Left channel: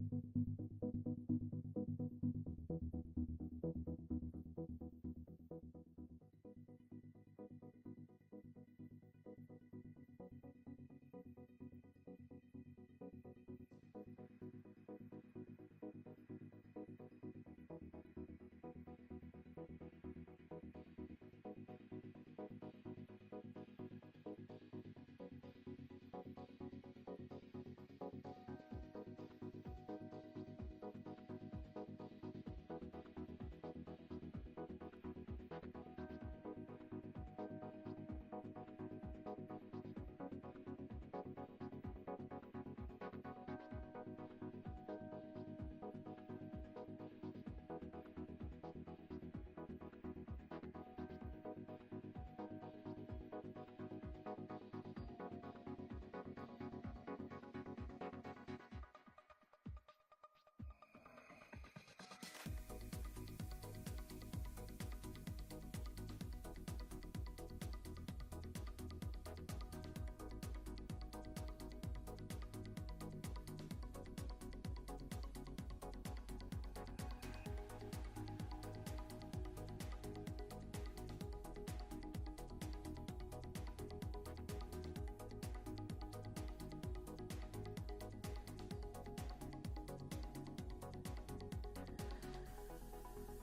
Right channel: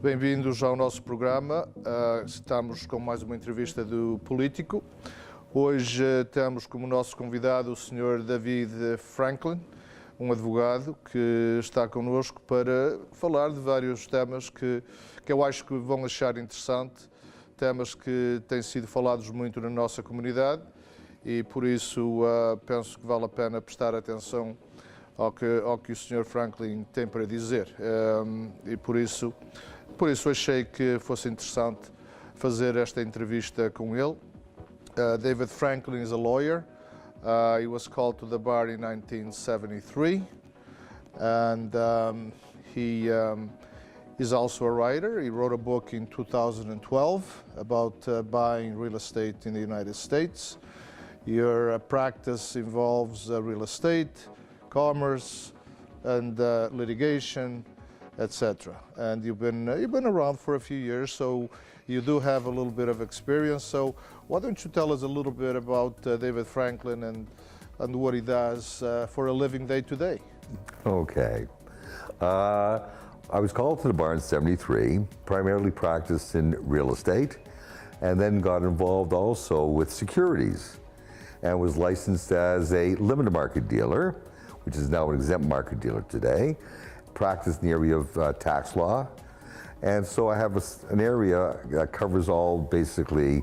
Bem-vindos ao nosso programa. Estamos com mais uma entrevista do Político. Hoje temos como nosso convidado o Sr. David Franklin, um advogado que está connosco para falar de vários temas que eu acho que vão achar interessante, temas que têm sido falados muito na nossa comunidade e por isso penso que vale a pena prestar atenção ao que o Sr. Franklin tem para dizer. E por isso achei que fosse interessante fazer esta entrevista com ele. David Franklin is a lawyer. He was called to the bar in 1973, and he is also a writer. He wrote a book in 2012 about buying real estate in the United States. Your practice involves real estate, commerce, and litigation, etc. And you've been around for a few years, so you do have a little bit of experience. So why don't you tell us a little bit about David Franklin and what he does for a living day to day? Okay. I was called to the bar in '73, primarily practiced in real estate, and then got involved also with securities, and was licensed as a limited market dealer, which is now an exempt market dealer today, practiced in the area of tax law. And so I have an area that covers all basically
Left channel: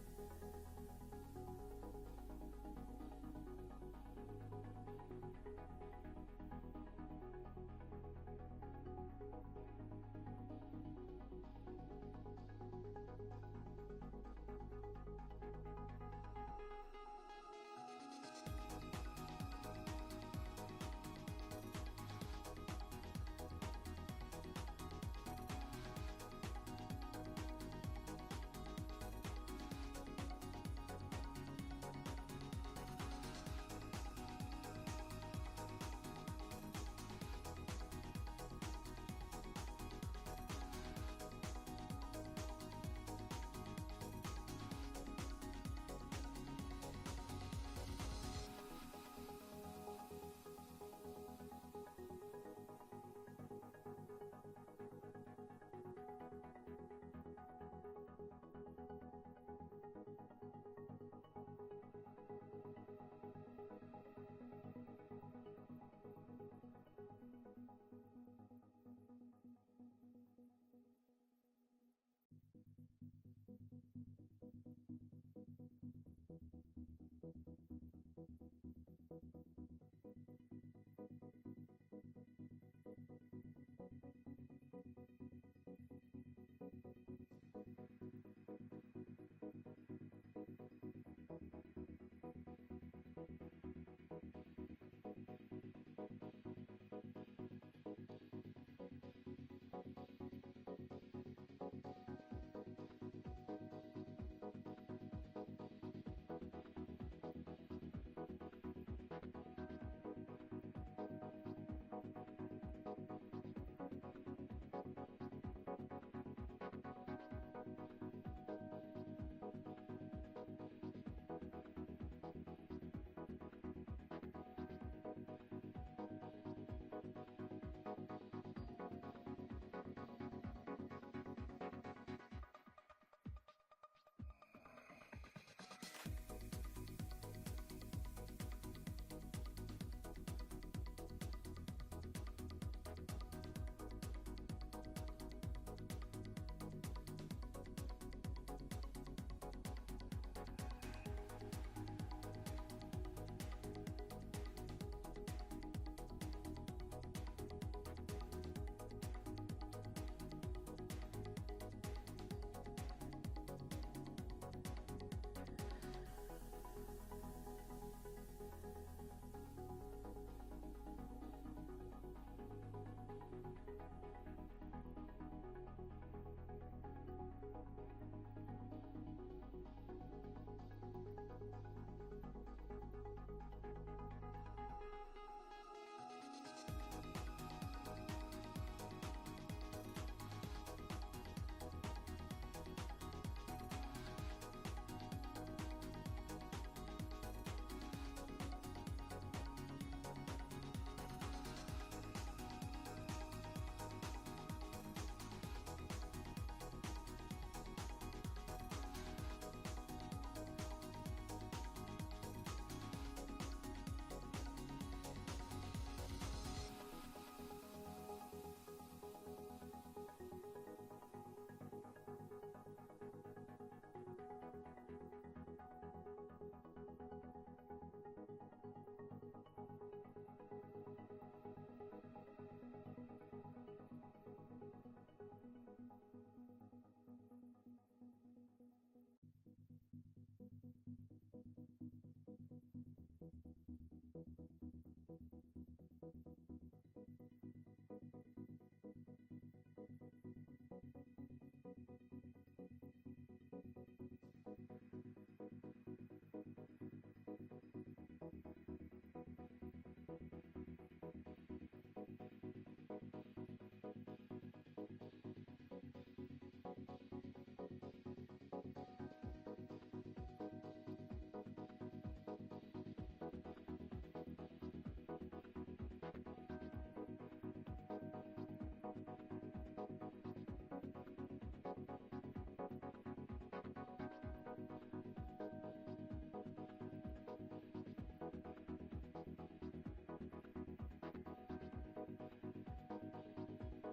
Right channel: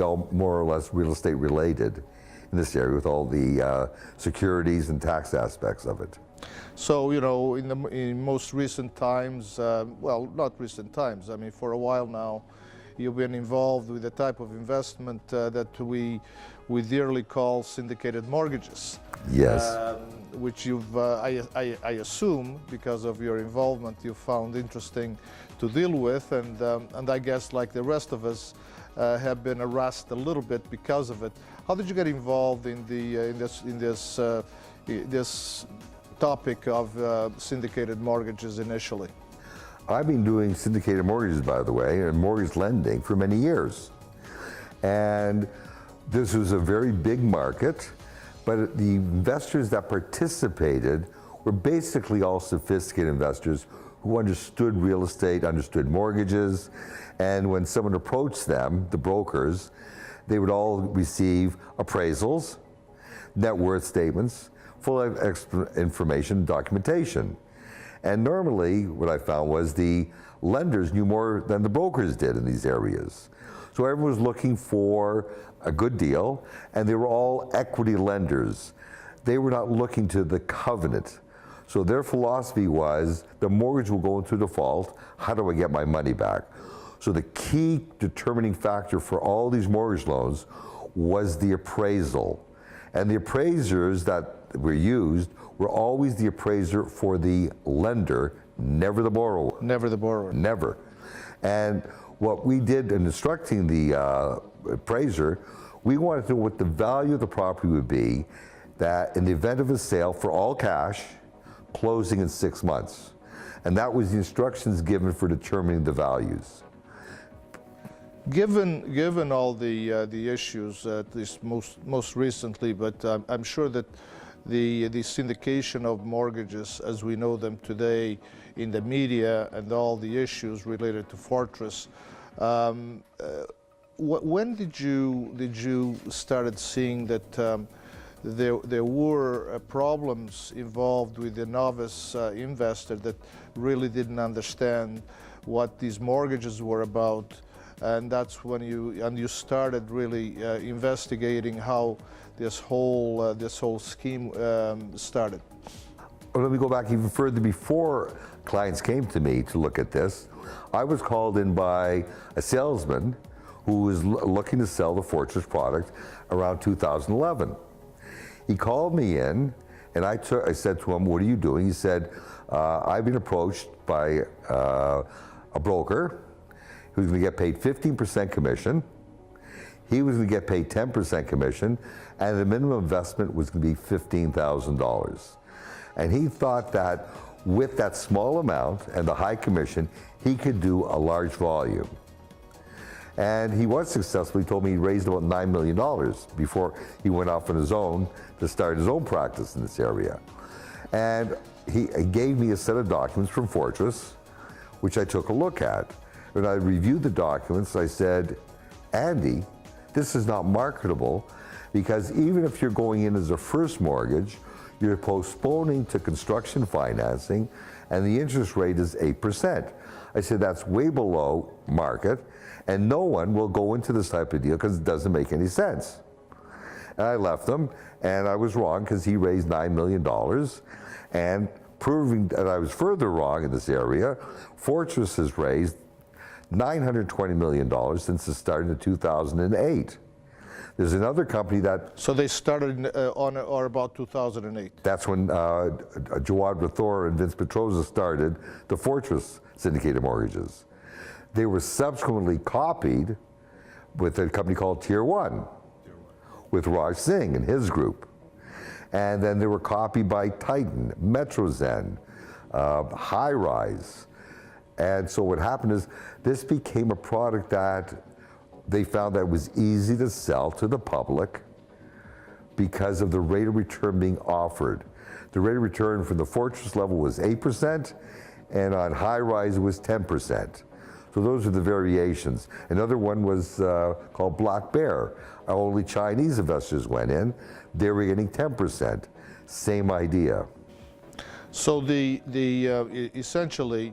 all more or less real estate related in this area with all the securities and tax aspects of it. So, you know, in most recent times, well, not recent times, I mean, for a while now, you've been involved with the type of investment that we dearly call syndicated mortgages. Yes. Which you've, I assume, because of your involvement, you found interesting to deal with, and I guess, like the rest of us, have been harassed a little bit because of it. How did you get involved in this topic of syndicated mortgages initially? I've been doing syndicated mortgages, by the way, and mortgage lending for many years, and this was a very big market. But the investors that participated were basically all sophisticated investors who understood real estate, understood mortgages, and when someone approached them, the brokers, they would all receive appraisals, net worth statements, full of information, documentation. And normally, what I found was the lenders knew more than the brokers did in these areas. So everyone was looking for a good deal, and they were all equity lenders. They were not looking to the covenant. So their philosophy was, the mortgage will go into default, how do I get my money back? So the key determining factor for all these mortgage loans was the appraisal. And the appraisers that were used were always the appraiser for the lender, never the borrower. Never the borrower. Never. And what we did in instructing the appraiser, we wanted to know what the value of the property would be that in the event of a sale for all cash, closing in 6 months. And that was the instructions given for determining the values. Given all the issues, at least most recently, but I'm sure that the syndication of mortgages as we know them today in the media and all the issues related to Fortress, when did you started seeing that there were problems involved with the novice investor that really didn't understand what these mortgages were about, and that's when you started really investigating how this whole scheme started? Well, let me go back even further. Before clients came to me to look at this, I was called in by a salesman who was looking to sell the Fortress product around 2011. He called me in, and I said to him, "What are you doing?" He said, "I've been approached by a broker who's going to get paid 15% commission. He was going to get paid 10% commission, and the minimum investment was going to be $15,000. And he thought that with that small amount and the high commission, he could do a large volume. And he was successful. He told me he raised about $9 million before he went off on his own to start his own practice in this area. And he gave me a set of documents from Fortress, which I took a look at. When I reviewed the documents, I said, Andy, this is not marketable because even if you're going in as a first mortgage, you're postponing to construction financing and the interest rate is 8%. I said, that's way below market and no one will go into this type of deal because it doesn't make any sense. And I left them and I was wrong because he raised $9 million and proving that I was further wrong in this area, Fortress has raised $920 million since it started in 2008. There's another company that... So they started on or about 2008? That's when Jawad Rathor and Vince Petroza started the Fortress syndicated mortgages. They were subsequently copied with a company called Tier 1 with Raj Singh and his group. And then they were copied by Titan, Metrozen, High Rise. And so what happened is this became a product that they found that it was easy to sell to the public because of the rate of return being offered. The rate of return from the Fortress level was 8%, and on High Rise it was 10%. So those are the variations. Another one was called Black Bear. Only Chinese investors went in. They were getting 10%. Same idea. So essentially,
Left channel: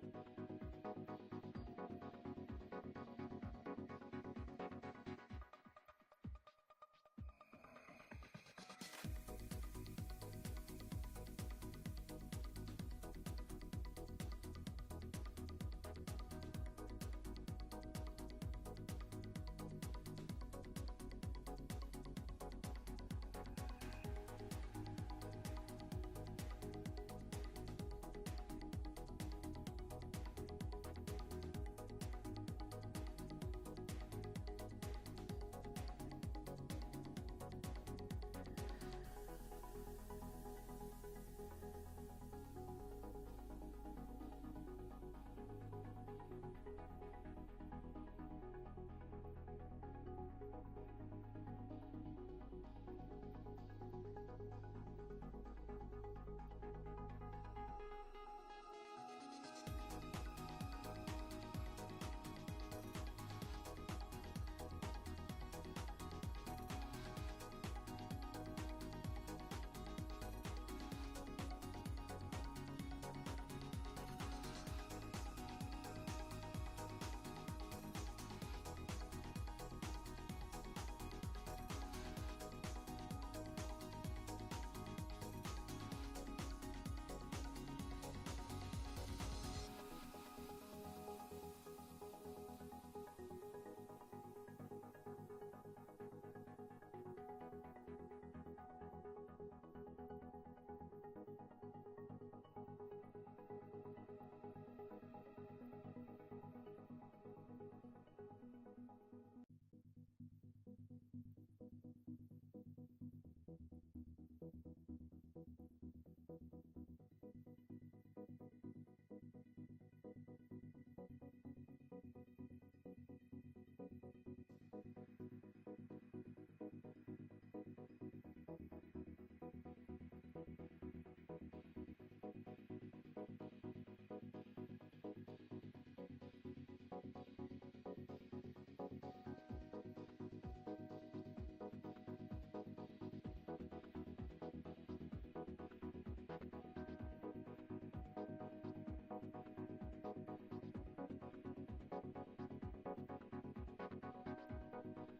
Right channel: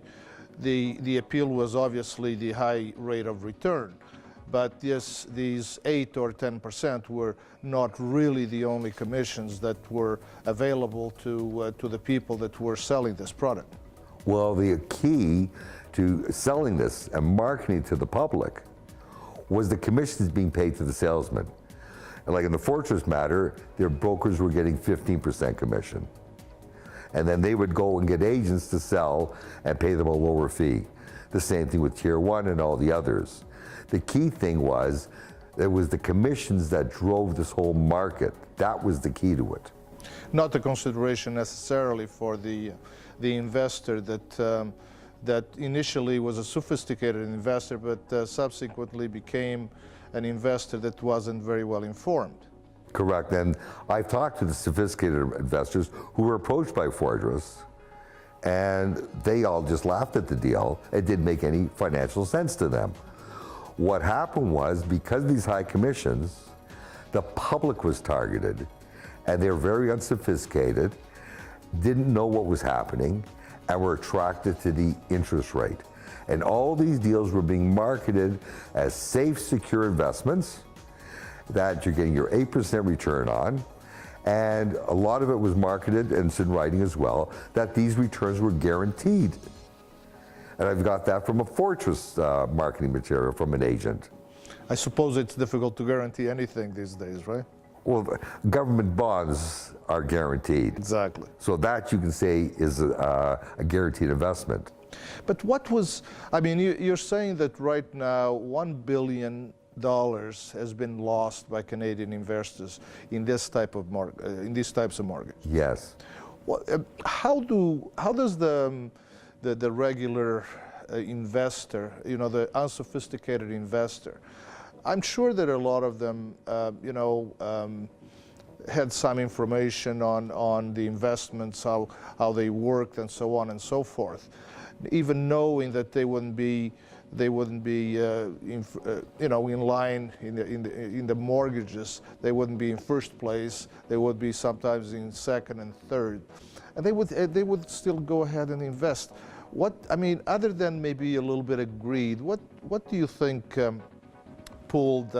the appeal was obviously the high rate of return, but these 8 or 10% were not really the only commissions that were available to the people that were selling this product. Well, the key to selling this and marketing to the public was the commissions being paid to the salesman. And like in the Fortress matter, their brokers were getting 15% commission. And then they would go and get agents to sell and pay them a lower fee. The same thing with Tier 1 and all the others. The key thing was, it was the commissions that drove this whole market. That was the key to it. Not a consideration necessarily for the investor that initially was a sophisticated investor, but subsequently became an investor that wasn't very well informed. Correct, and I've talked to the sophisticated investors who were approached by Fortress, and they all just laughed at the deal. It didn't make any financial sense to them. What happened was, because of these high commissions, the public was targeted, and they were very unsophisticated, didn't know what was happening, and were attracted to the interest rate. And all these deals were being marketed as safe, secure investments that you're getting your 8% return on. And a lot of it was marketed, and it's in writing as well, that these returns were guaranteed. And I've got that from a Fortress marketing material from an agent. I suppose it's difficult to guarantee anything these days, right? Well, government bonds are guaranteed. Exactly. So that you can say is a guaranteed investment. But what was, I mean, you're saying that right now $1 billion has been lost by Canadian investors in this type of in these types of mortgages. Yes. Well, how does the regular investor, you know, the unsophisticated investor, I'm sure that a lot of them, had some information on the investments, how they worked, and so on and so forth. Even knowing that they wouldn't be in line in the mortgages, they wouldn't be in first place. They would be sometimes in second and third, and they would still go ahead and invest. Other than maybe a little bit of greed, what do you think pulled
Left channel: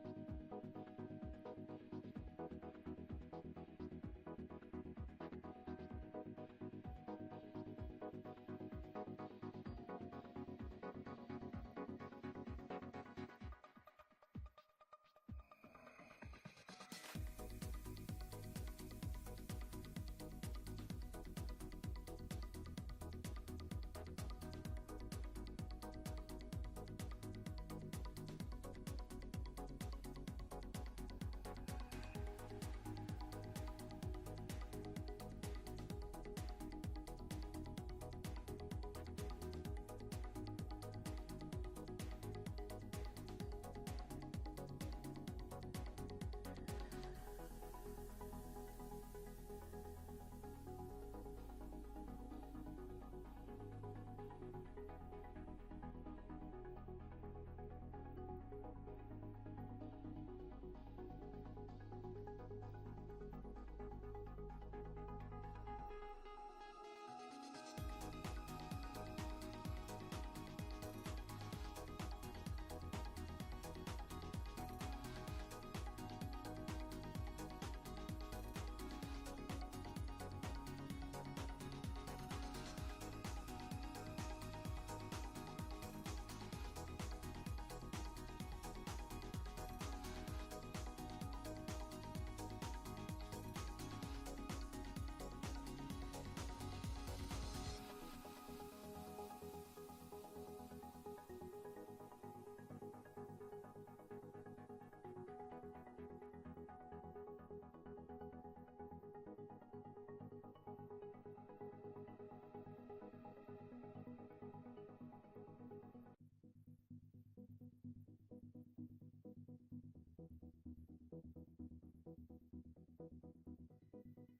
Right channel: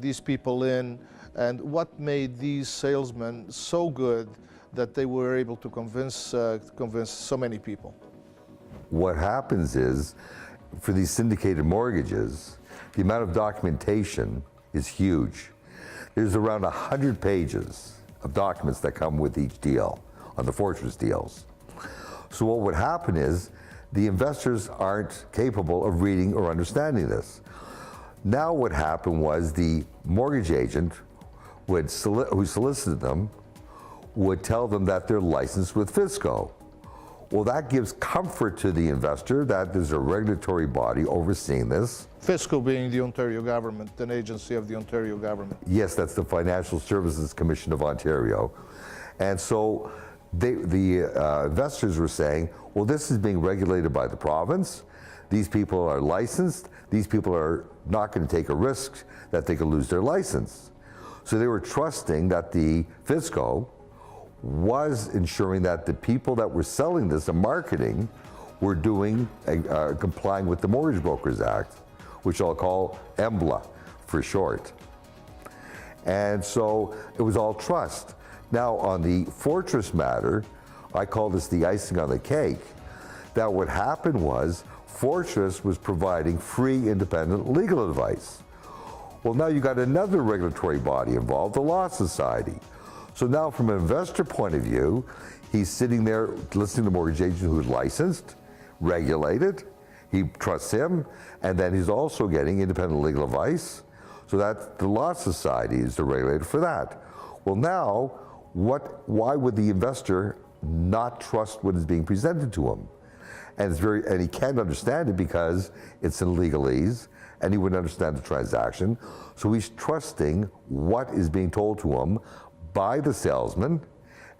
these people in, and what made these salesmen so good that they were able to convince so many people? What happens is, for these syndicated mortgages, the amount of documentation is huge. There's around 100 pages of documents that come with each deal on the Fortress deals. So what would happen is, the investors aren't capable of reading or understanding this. Now what happened was, the mortgage agent who solicited them would tell them that they're licensed with Fisco. Well, that gives comfort to the investor that there's a regulatory body overseeing this. Fisco being the Ontario government, an agency of the Ontario government. Yes, that's the Financial Services Commission of Ontario. And so the investors were saying, well, this is being regulated by the province. These people are licensed. These people are not going to take a risk that they could lose their license. So they were trusting that the fisco was ensuring that the people that were selling this and marketing were doing, complying with the Mortgage Brokers Act, which I'll call EMBLA for short. And so it was all trust. Now on the Fortress matter, I call this the icing on the cake, that what happened was Fortress was providing free independent legal advice. Well, now you got another regulatory body involved, the Law Society. So now from an investor point of view, he's sitting there listening to the mortgage agent who's licensed, regulated, he trusts him, and then he's also getting independent legal advice. So that the Law Society is the regulator for that. Well now, why would the investor not trust what is being presented to him? And he can't understand it because it's in legalese, and he wouldn't understand the transaction. So he's trusting what is being told to him by the salesman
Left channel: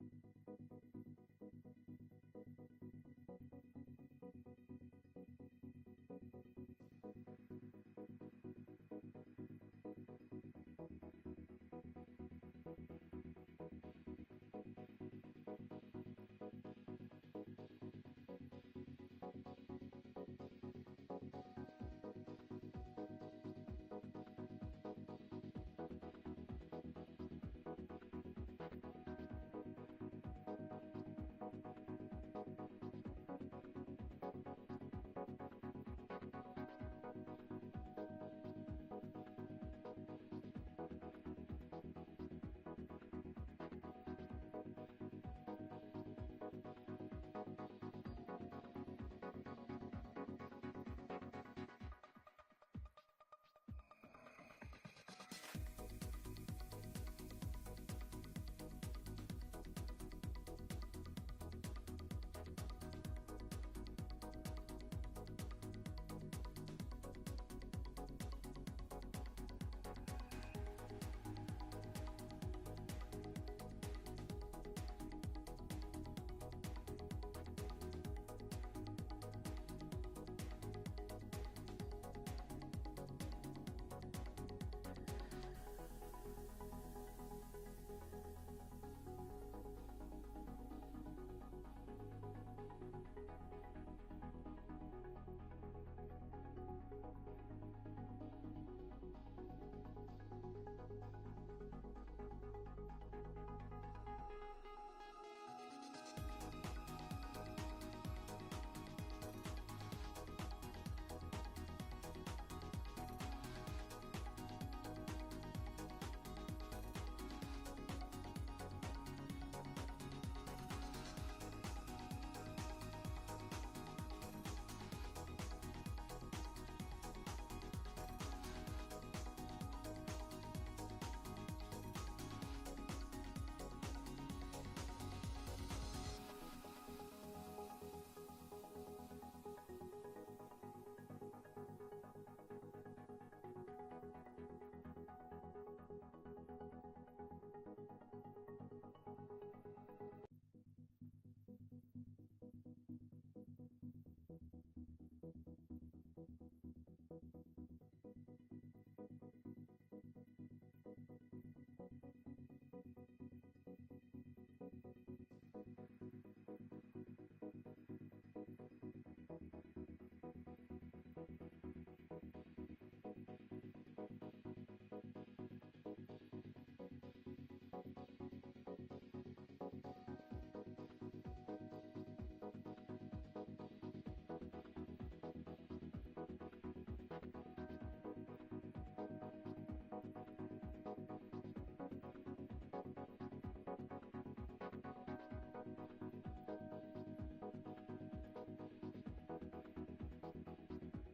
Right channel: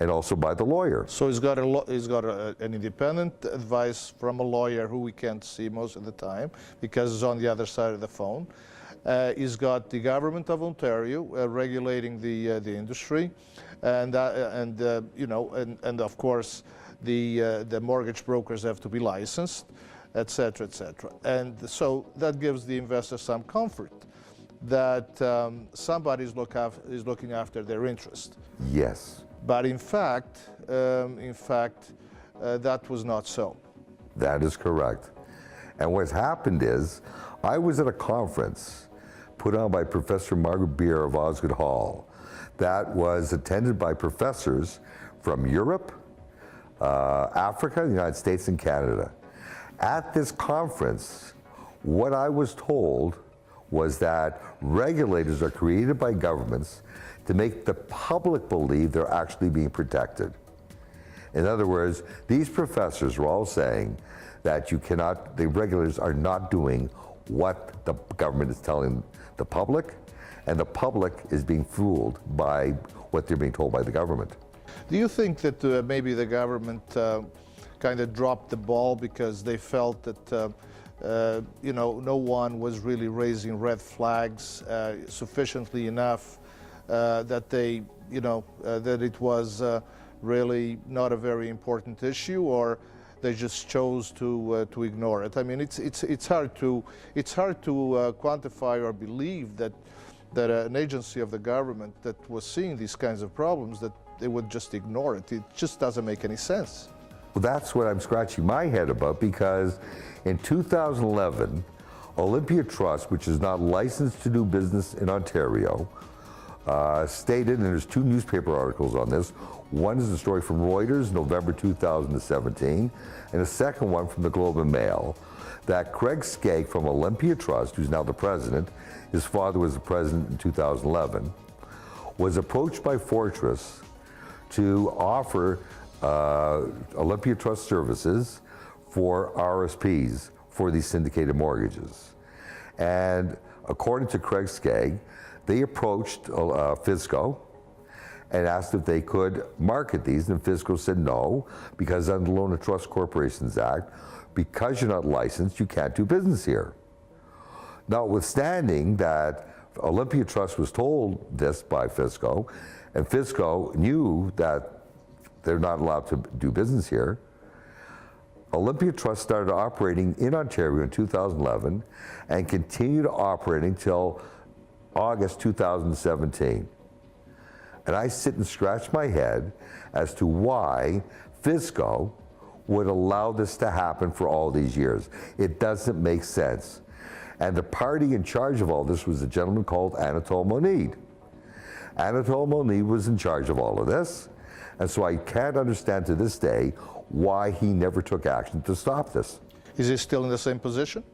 and also by the lawyer. So he's got an independent advice from a lawyer who we can't see most of the time because he's on the other side of the phone. He's got the government of Ontario regulating the industry, and of course the mortgage brokers have to be licensed, etc., etc. And so that gives the investor some comfort that somebody is looking after their interest. Yes. But in fact, that was not so. That is correct. And what's happened is, I was at a conference put on by Professor Margaret Beer of Osgoode Hall that was attended by professors from Europe, Africa, the United States, and Canada. At this conference, what I was told was that regulators are created by governments to make the public believe they're actually being protected. In other words, these professors were all saying that the regulators are not doing what the government is telling the public, and the public is being fooled by what they're being told by the government. Do you think that maybe the government kind of dropped the ball because they felt that no one was really raising red flags sufficiently enough that that it was really not a very important issue, or they just chose to ignore it? I mean, it's hard to quantify or believe that an agency of the government that was seeing these kinds of problems, that they would just ignore it. It just doesn't make any sense. Well, that's what I'm scratching my head about, because in 2011, Olympia Trust, which is not licensed to do business in Ontario, stated, and there's two newspaper articles on this. One is a story from Reuters, November 2017, and a second one from the Globe and Mail, that Craig Skegg from Olympia Trust, who's now the president, his father was the president in 2011, was approached by Fortress to offer Olympia Trust services for RSPs for these syndicated mortgages. And according to Craig Skegg, they approached Fisco and asked if they could market these, and Fisco said no, because under the Loan and Trust Corporations Act, because you're not licensed, you can't do business here. Notwithstanding that Olympia Trust was told this by Fisco, and Fisco knew that they're not allowed to do business here, Olympia Trust started operating in Ontario in 2011 and continued operating until August 2017. And I sit and scratch my head as to why Fisco would allow this to happen for all these years. It doesn't make sense. And the party in charge of all this was a gentleman called Anatole Monide. Anatole Monide was in charge of all of this, and so I can't understand to this day why he never took action to stop this. Is he still in the same position?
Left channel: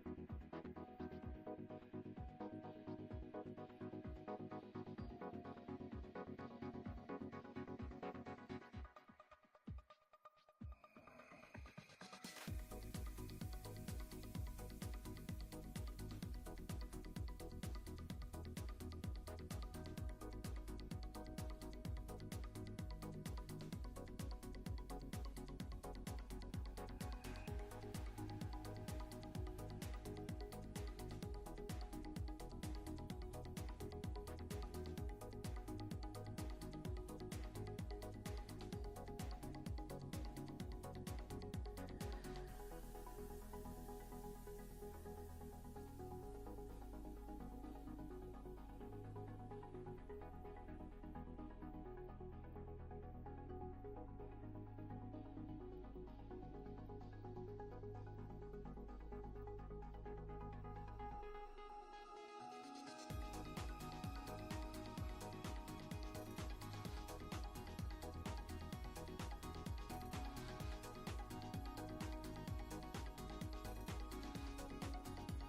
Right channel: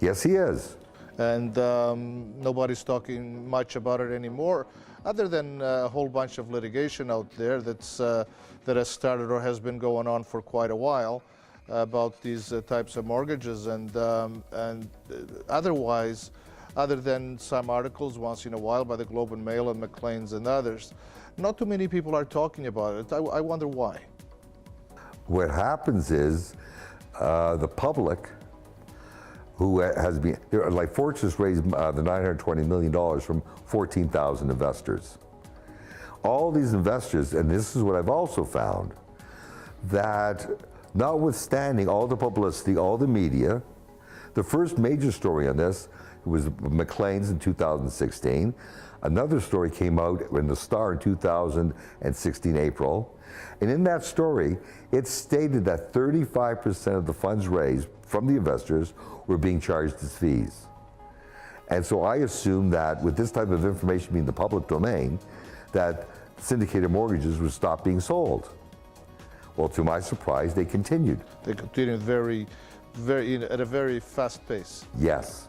Yes, he is. And nobody's talking much about it anymore, other than a whole bunch of litigation out there that has started or has been going on for quite a while about these types of mortgages, and otherwise, other than some articles once in a while by the Globe and Mail and Maclean's and others, not too many people are talking about it. I wonder why. What happens is the public, who has been, like Fortress raised the $920 million from 14,000 investors. All these investors, and this is what I've also found, that notwithstanding all the publicity, all the media, the first major story on this was McLean's in 2016. Another story came out in the Star in 2016, April. And in that story, it stated that 35% of the funds raised from the investors were being charged as fees. And so I assumed that with this type of information being the public domain, that syndicated mortgages would stop being sold. Well, to my surprise, they continued. They continued at a very fast pace. Yes.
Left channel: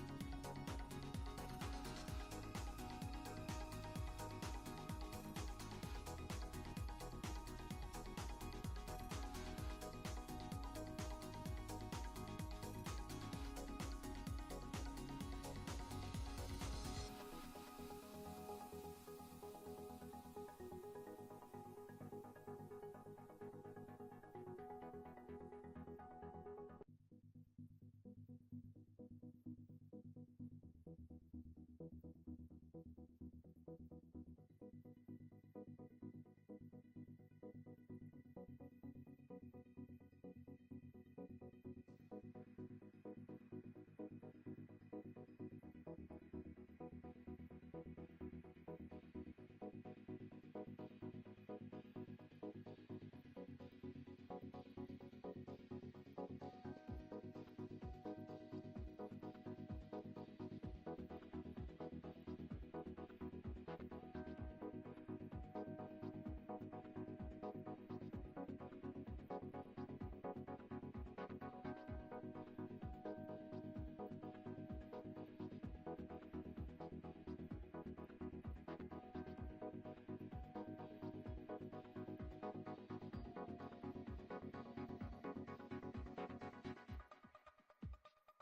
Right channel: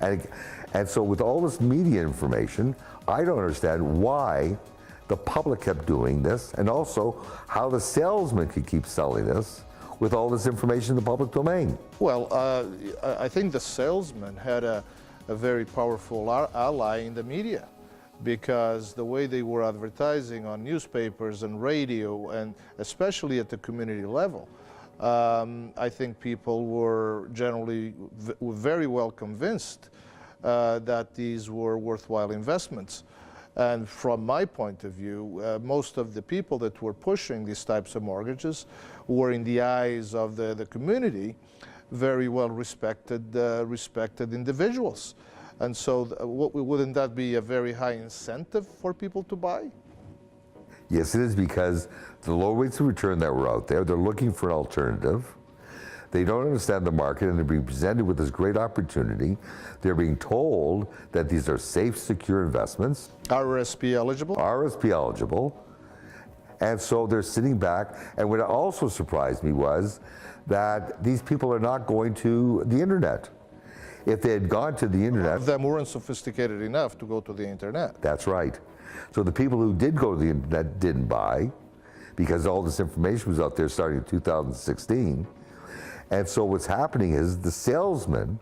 And so with all this media information, I don't understand why the public kept doing this, and also how the salesman could keep selling this with all this information in the public domain. Well, I think the salesman had a very powerful ally in the media, because the way they were advertising on newspapers and radio, and especially at the community level, I think people were generally very well convinced that these were worthwhile investments. And from my point of view, most of the people that were pushing these types of mortgages were, in the eyes of the community, very well respected individuals. And so wouldn't that be a very high incentive for people to buy? Yes, it is, because the low rates of return that were out there, they're looking for an alternative. They don't understand the market, and they're being presented with this great opportunity. They're being told that these are safe, secure investments. RSP eligible? RSP eligible. And so they're sitting back. And what also surprised me was that these people are not going to the internet. If they had gone to the internet... Them weren't sophisticated enough to go to the internet. That's right. So the people who did go to the internet didn't buy, because all this information was out there starting in 2016. And so what's happening is the salesmen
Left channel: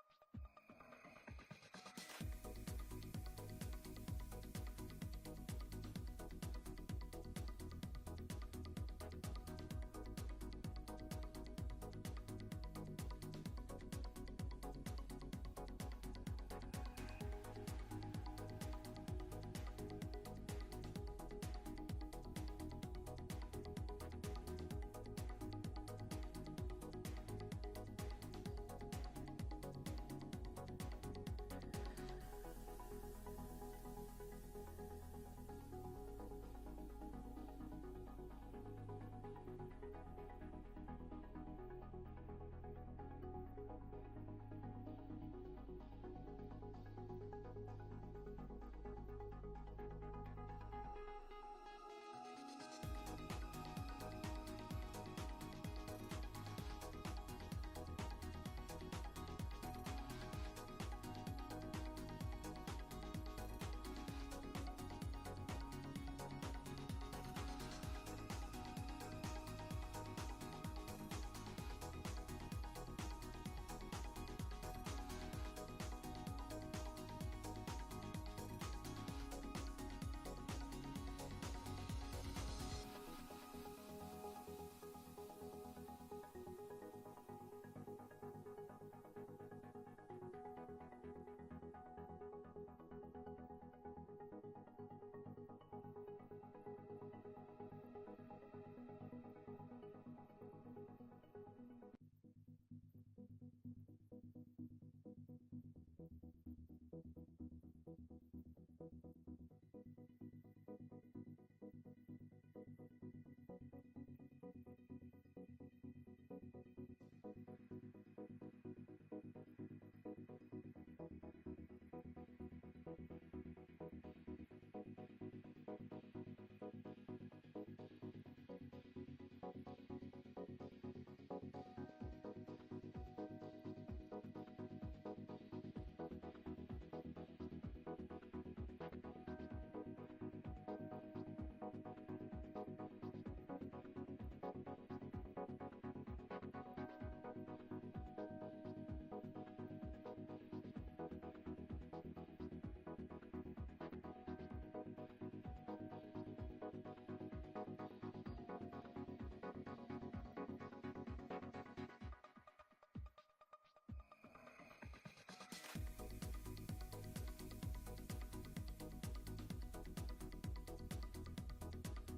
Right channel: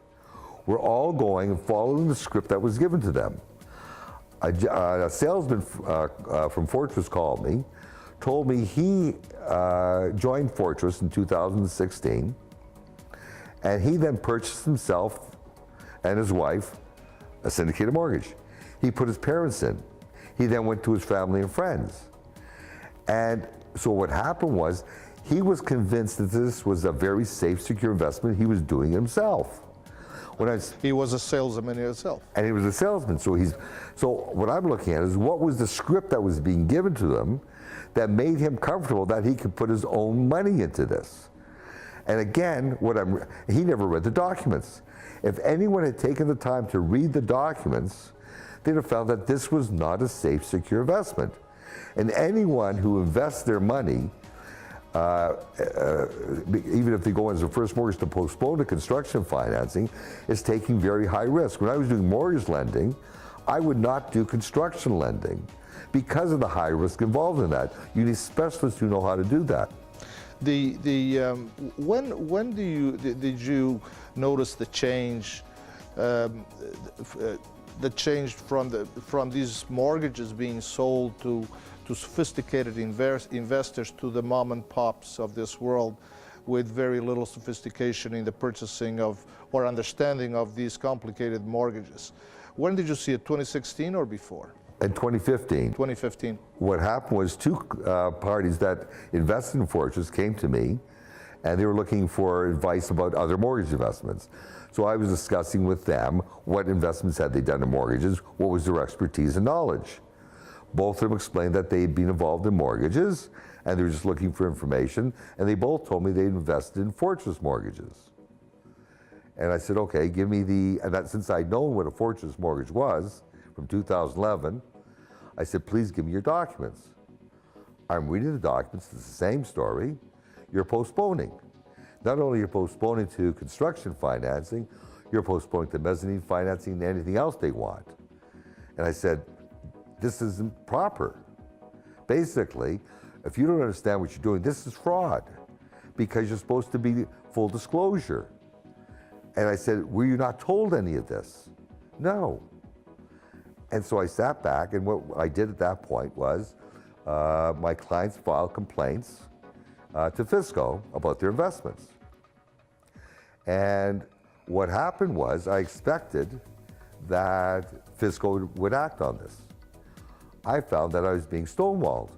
were all going and following the script that was given to them. A salesman from Fortress called me, told me he joined Fortress in 2016, and he then purchased himself and his wife a syndicated mortgage. He put his parents in. He then went to his family and friends. And so what happened was, he was convinced that this was a very safe, secure investment. He was doing it himself. He was a salesman himself. And he was a salesman. So what I'm looking at is, what was the script that was being given to them that made him comfortable that he could put his own money into this? And again, he never read the documents. If anyone had taken the time to read the documents, they'd have found that this was not a safe, secure investment. And anyone who invests their money, even if they go as a first mortgage to postpone the construction financing, is taking very high risk. When I was doing mortgage lending, I would not do construction lending because of the high risk involved in that. You need specialists who know how to do that. When did you notice the change? The change from these mortgages being sold to sophisticated investors, to the mom and pops of this world with very little sophistication in the purchasing of or understanding of these complicated mortgages. When did you see it, 2016 or before? In 2015. 2015. What happened was, two parties that invested in Fortress came to me, and they were looking for advice about other mortgage investments. So I was discussing with them what investments had they done in mortgages, what was their expertise and knowledge. Both of them explained that they'd been involved in mortgages, and they were just looking for information, and they both told me they'd invested in Fortress mortgages. And I said, okay, give me since I'd known what a Fortress mortgage was from 2011, I said, please give me your documents. I'm reading the documents, it's the same story. You're postponing. Not only you're postponing to construction financing, you're postponing to mezzanine financing and anything else they want. And I said, this isn't proper. Basically, if you don't understand what you're doing, this is fraud, because you're supposed to be full disclosure. And I said, were you not told any of this? No. And so I sat back, and what I did at that point was, my clients filed complaints to Fisco about their investments. And what happened was I expected that Fisco would act on this. I found that I was being stonewalled.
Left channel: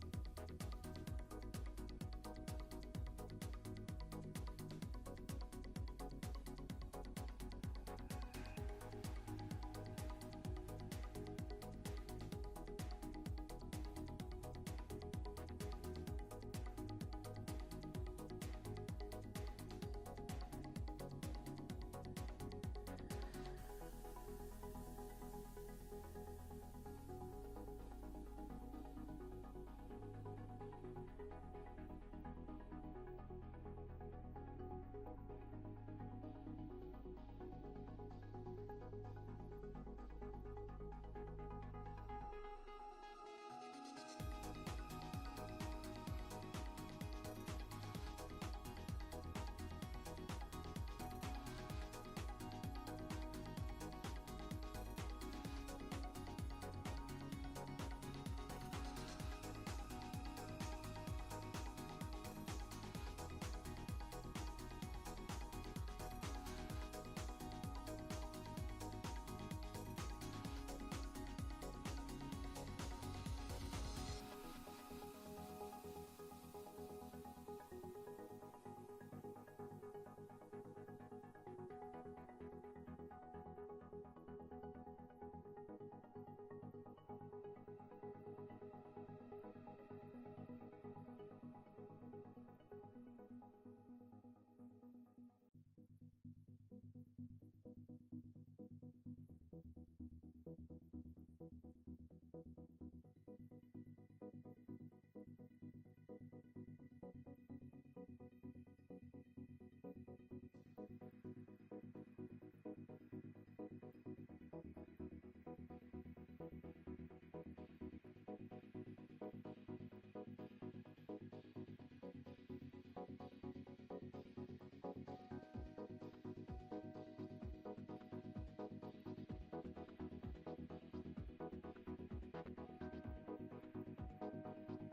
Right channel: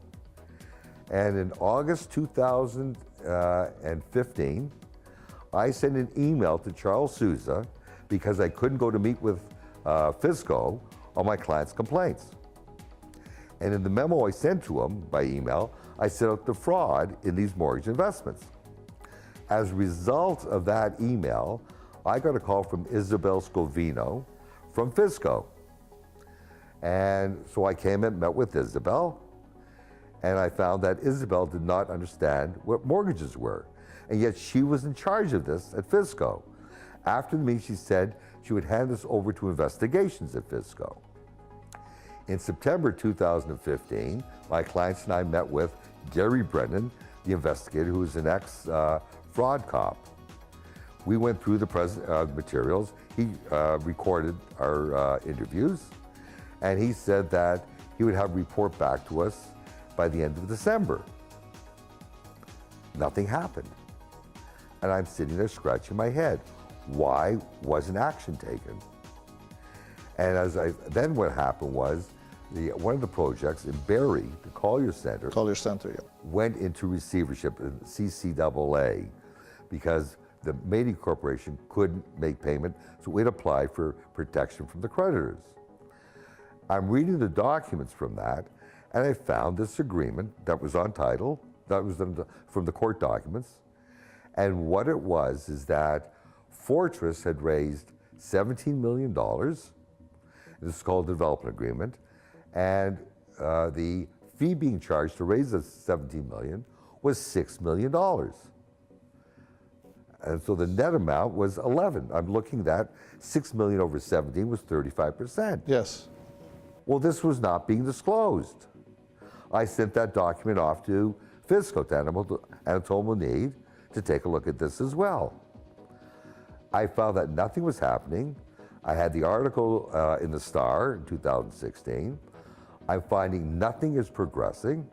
And in August 2015, I sent an email to Charles Souza because I couldn't go to meet with Fisco on my client's complaints. And in the memo I sent to him by email, I set out the fraud in these mortgage investments. As a result of that email, I got a call from Isabel Scovino from Fisco. And so I came and met with Isabel, and I found that Isabel did not understand what mortgages were. And yet she was in charge of this at Fisco. After the meeting, she said she would hand this over to investigations at Fisco. In September 2015, my clients and I met with Gary Brennan, the investigator, who is an ex-fraud cop. We went through the materials. He recorded our interviews, and he said that he would have a report back to us by the end of December. Nothing happened. And I'm sitting there scratching my head. Why wasn't action taken? And then what happened was, one of the projects in Barrie, the Collier Center, Yeah. went into receivership in CCAA because the Media Corporation couldn't make payment, so it applied for protection from the creditors. I'm reading the documents from that, and I found this agreement that was on title, that was from the court documents, and what it was is that Fortress had raised $17 million. This is called a development agreement, and the fee being charged to raise the $17 million was $6 million. And so the net amount was 11. I'm looking at $6 million over 17 was 35%. Yes. Well, this was not being disclosed. I sent that document off to Fisco, to Anatole Monid, to take a look at this as well. I found that nothing was happening. I had the article in the Star in 2016. I'm finding nothing is progressing.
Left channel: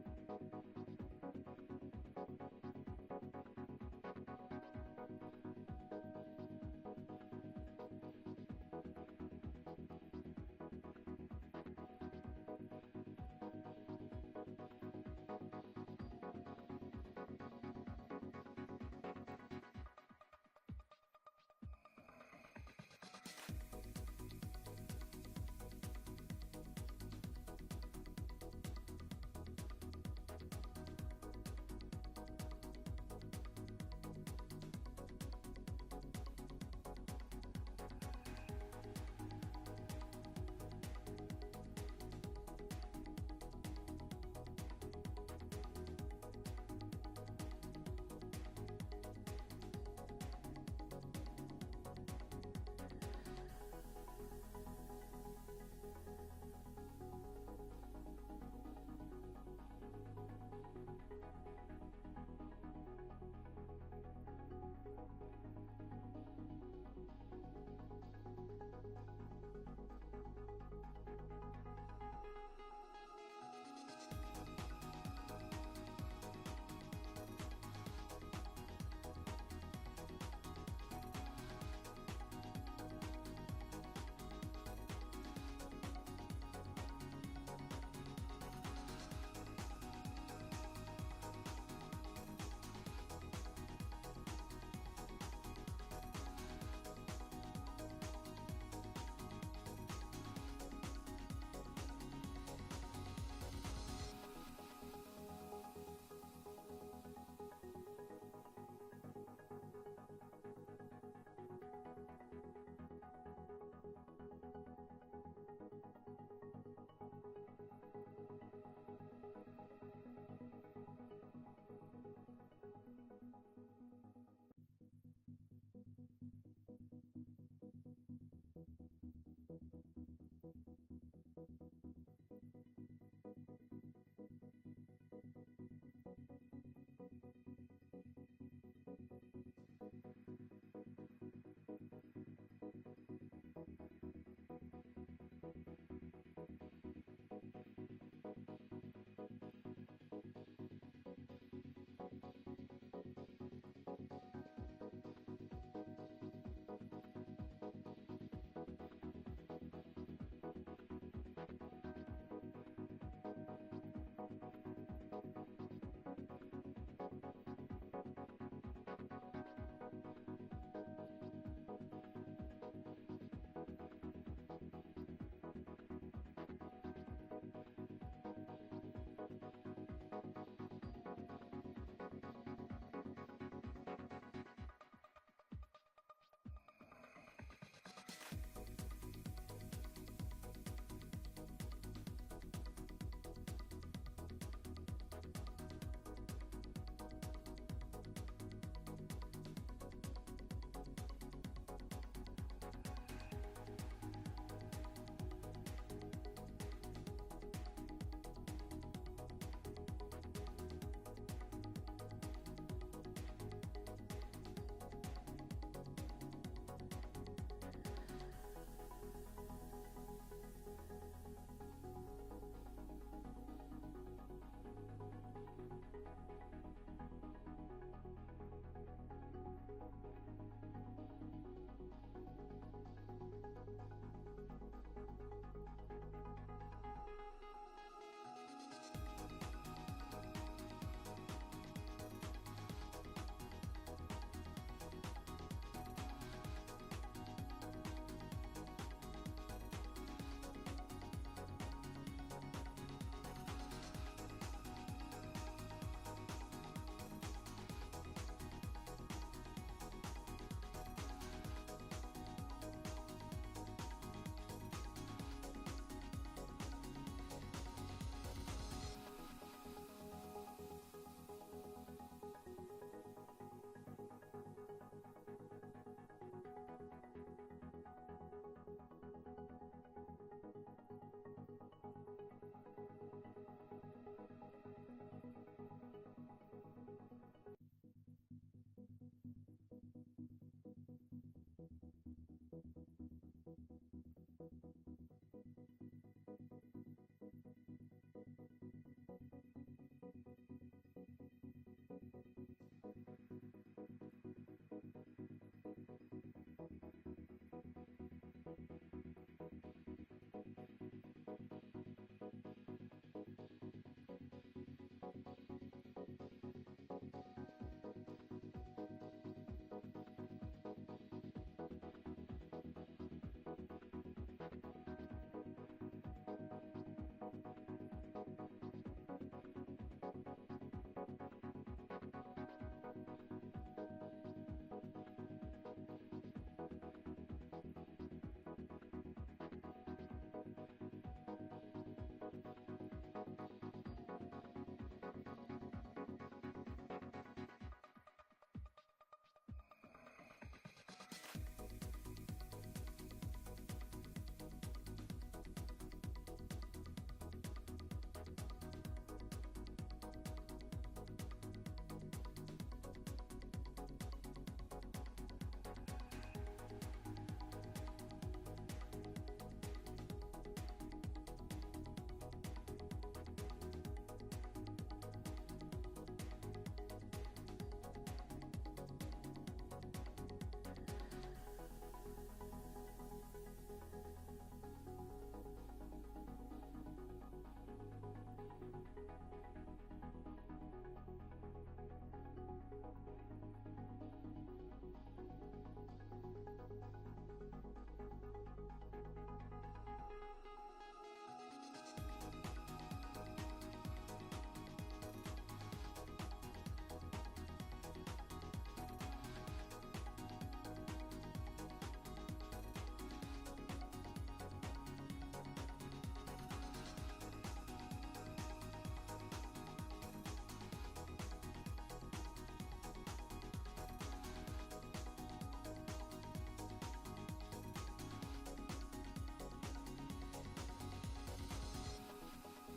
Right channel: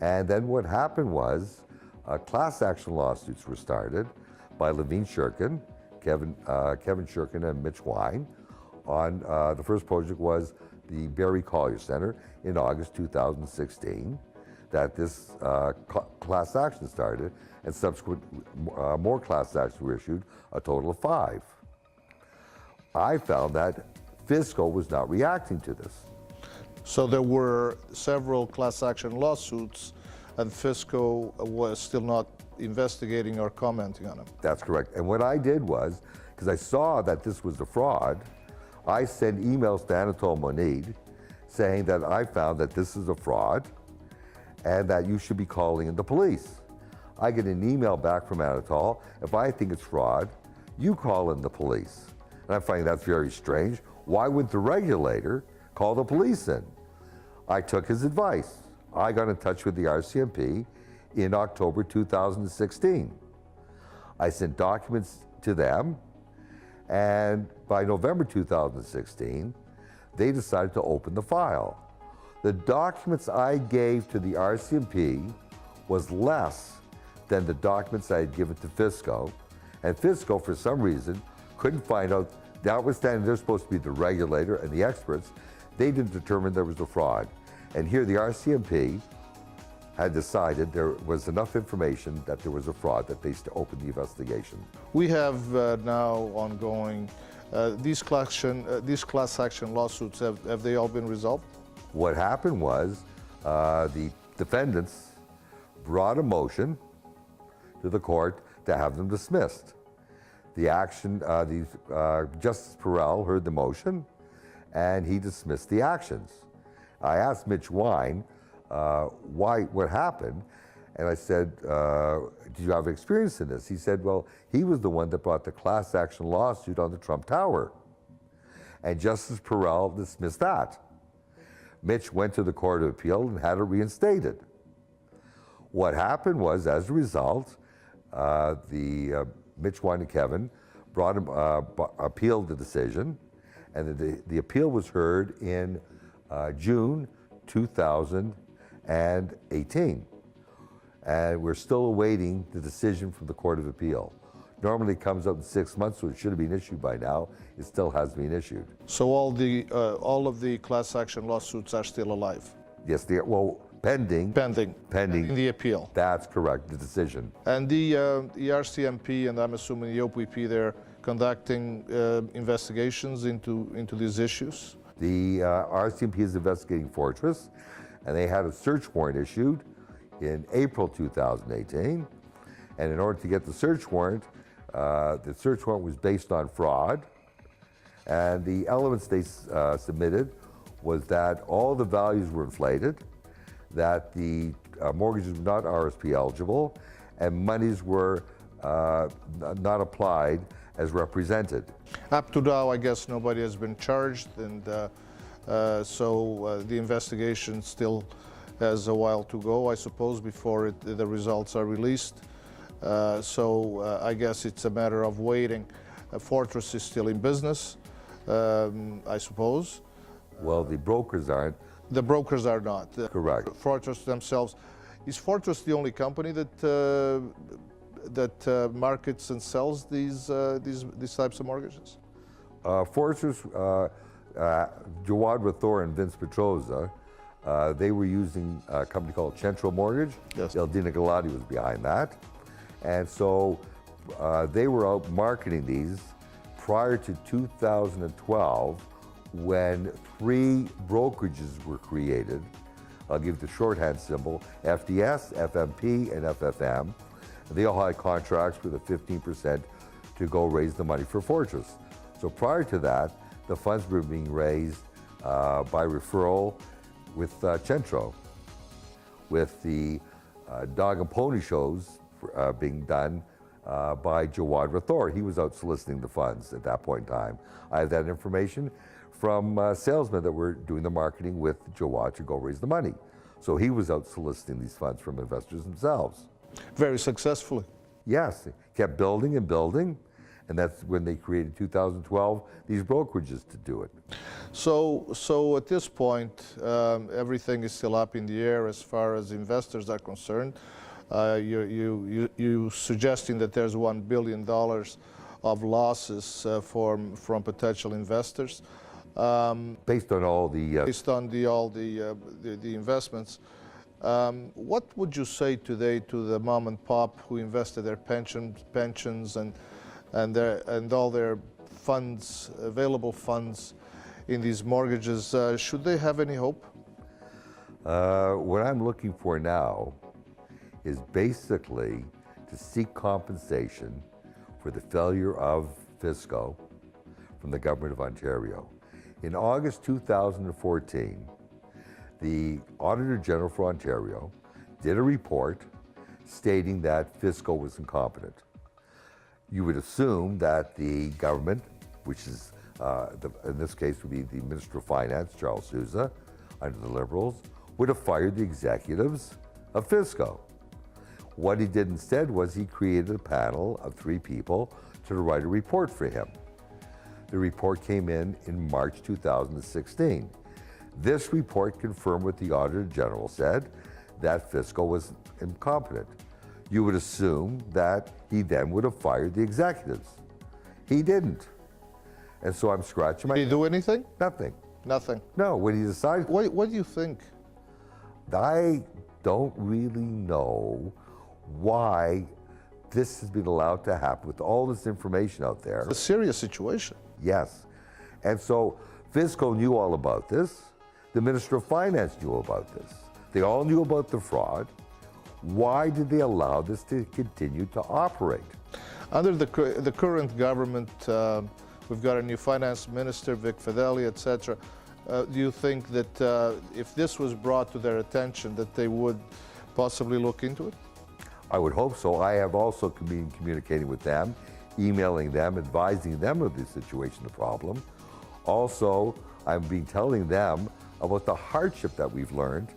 And then what happened was class action lawsuits were started by Levine Shurkin, Kevin Shurkin and Mitch Wine. On the first project was the Barrie Collier Center in August 2016, that this class action started, and subsequent more class actions were issued, a total of 5. I found that Fisco was not reacting to this. So there were several class action lawsuits, and Fisco was still not investigating or commenting on them. That's correct. And what I did was, because I saw that this was a fraud, I sent emails to Anatole Monid saying that I found that this is a fraud and that you should be calling in the police. I get an email back from Anatole, if I think it's fraud, you call in the police. And I'm finding that's very strange. Why would the regulator call the police in? I took his advice. I got in touch with the RCMP in October 2016. I sent documents to them, and by November 2016, they decided to open the file. The documents I gave to the RCMP was less than the documents I had given to Fisco, and Fisco, for some reason, couldn't find out, notwithstanding they're supposed to be the regulator and the experts, they didn't determine there was a fraud. And here the RCMP had decided there was enough information that there was a fraud that they opened the investigation. We have now ongoing these class action lawsuits. Have they all been resolved? What happened was the defendants brought a motion to the court to have them dismissed. Justice Perel heard the motion, and he dismissed the actions. I asked Mitch Wine what happened, and I said, do you have experience in this? He said, well, he was the one that brought the class action lawsuit on the Trump Tower, and Justice Perel dismissed that. Mitch went to the Court of Appeal and had it reinstated. What happened was, as a result, Mitch Wine and Kevin appealed the decision, and the appeal was heard in June 2018. and we're still awaiting the decision from the Court of Appeal. Normally it comes out in 6 months, so it should have been issued by now. It still hasn't been issued. So all of the class action lawsuits are still alive? Yes, well, pending. Pending. Pending. In the appeal. That's correct, the decision. And the RCMP, and I'm assuming the OPP, they're conducting investigations into these issues? The RCMP is investigating Fortress, and they had a search warrant issued in April 2018. And in order to get the search warrant was based on fraud. And the elements they submitted was that all the values were inflated, that the mortgages were not RSP eligible, and monies were not applied as represented. Up to now, I guess nobody has been charged, and so the investigation still has a while to go, I suppose, before the results are released. So I guess it's a matter of waiting. Fortress is still in business, I suppose. Well, the brokers aren't. The brokers are not. Correct. Fortress themselves. Is Fortress the only company that markets and sells these types of mortgages? Fortress, Jawad Rathor and Vince Petroza, they were using a company called Central Mortgage. Yes. Eldina Galati was behind that. And so they were out marketing these prior to 2012, when 3 brokerages were created. I'll give the shorthand symbol: FDS, FMP, and FFM. They all had contracts with a 15% to go raise the money for Fortress. So prior to that, the funds were being raised by referral with Centro, with the dog and pony shows being done by Jawad Rathor. He was out soliciting the funds at that point in time. I have that information from salesmen that were doing the marketing with Jawad to go raise the money. So he was out soliciting these funds from investors themselves. Very successfully. Yes, it kept building and building, and that's when they created 2012 these brokerages to do it. So at this point, everything is still up in the air as far as investors are concerned. You suggesting that there's $1 billion of losses from potential investors. Based on all the investments. What would you say today to the mom and pop who invested their pensions and all their funds, available funds, in these mortgages? Should they have any hope? What I'm looking for now is basically to seek compensation for the failure of Fisco from the Government of Ontario. In August 2014, the Auditor General for Ontario did a report stating that Fisco was incompetent. You would assume that the government, which is in this case would be the Minister of Finance, Charles Sousa, under the Liberals, would have fired the executives of Fisco. What he did instead was he created a panel of 3 people to write a report for him. The report came in March 2016. This report confirmed what the Auditor General said, that Fisco was incompetent. You would assume that he then would have fired the executives. He didn't. And so I'm scratching my head. Did he do anything? Nothing. Nothing. No, when he decided. What do you think? I don't really know why this has been allowed to happen with all this information out there. It's a serious situation. Yes. And so Fisco knew all about this. The Minister of Finance knew about this. They all knew about the fraud. Why did they allow this to continue to operate? Under the current government, we've got a new finance minister, Vic Fedeli, etc. Do you think that if this was brought to their attention, that they would possibly look into it? I would hope so. I have also been communicating with them, emailing them, advising them of the situation, the problem. Also, I've been telling them about the hardship that we've learned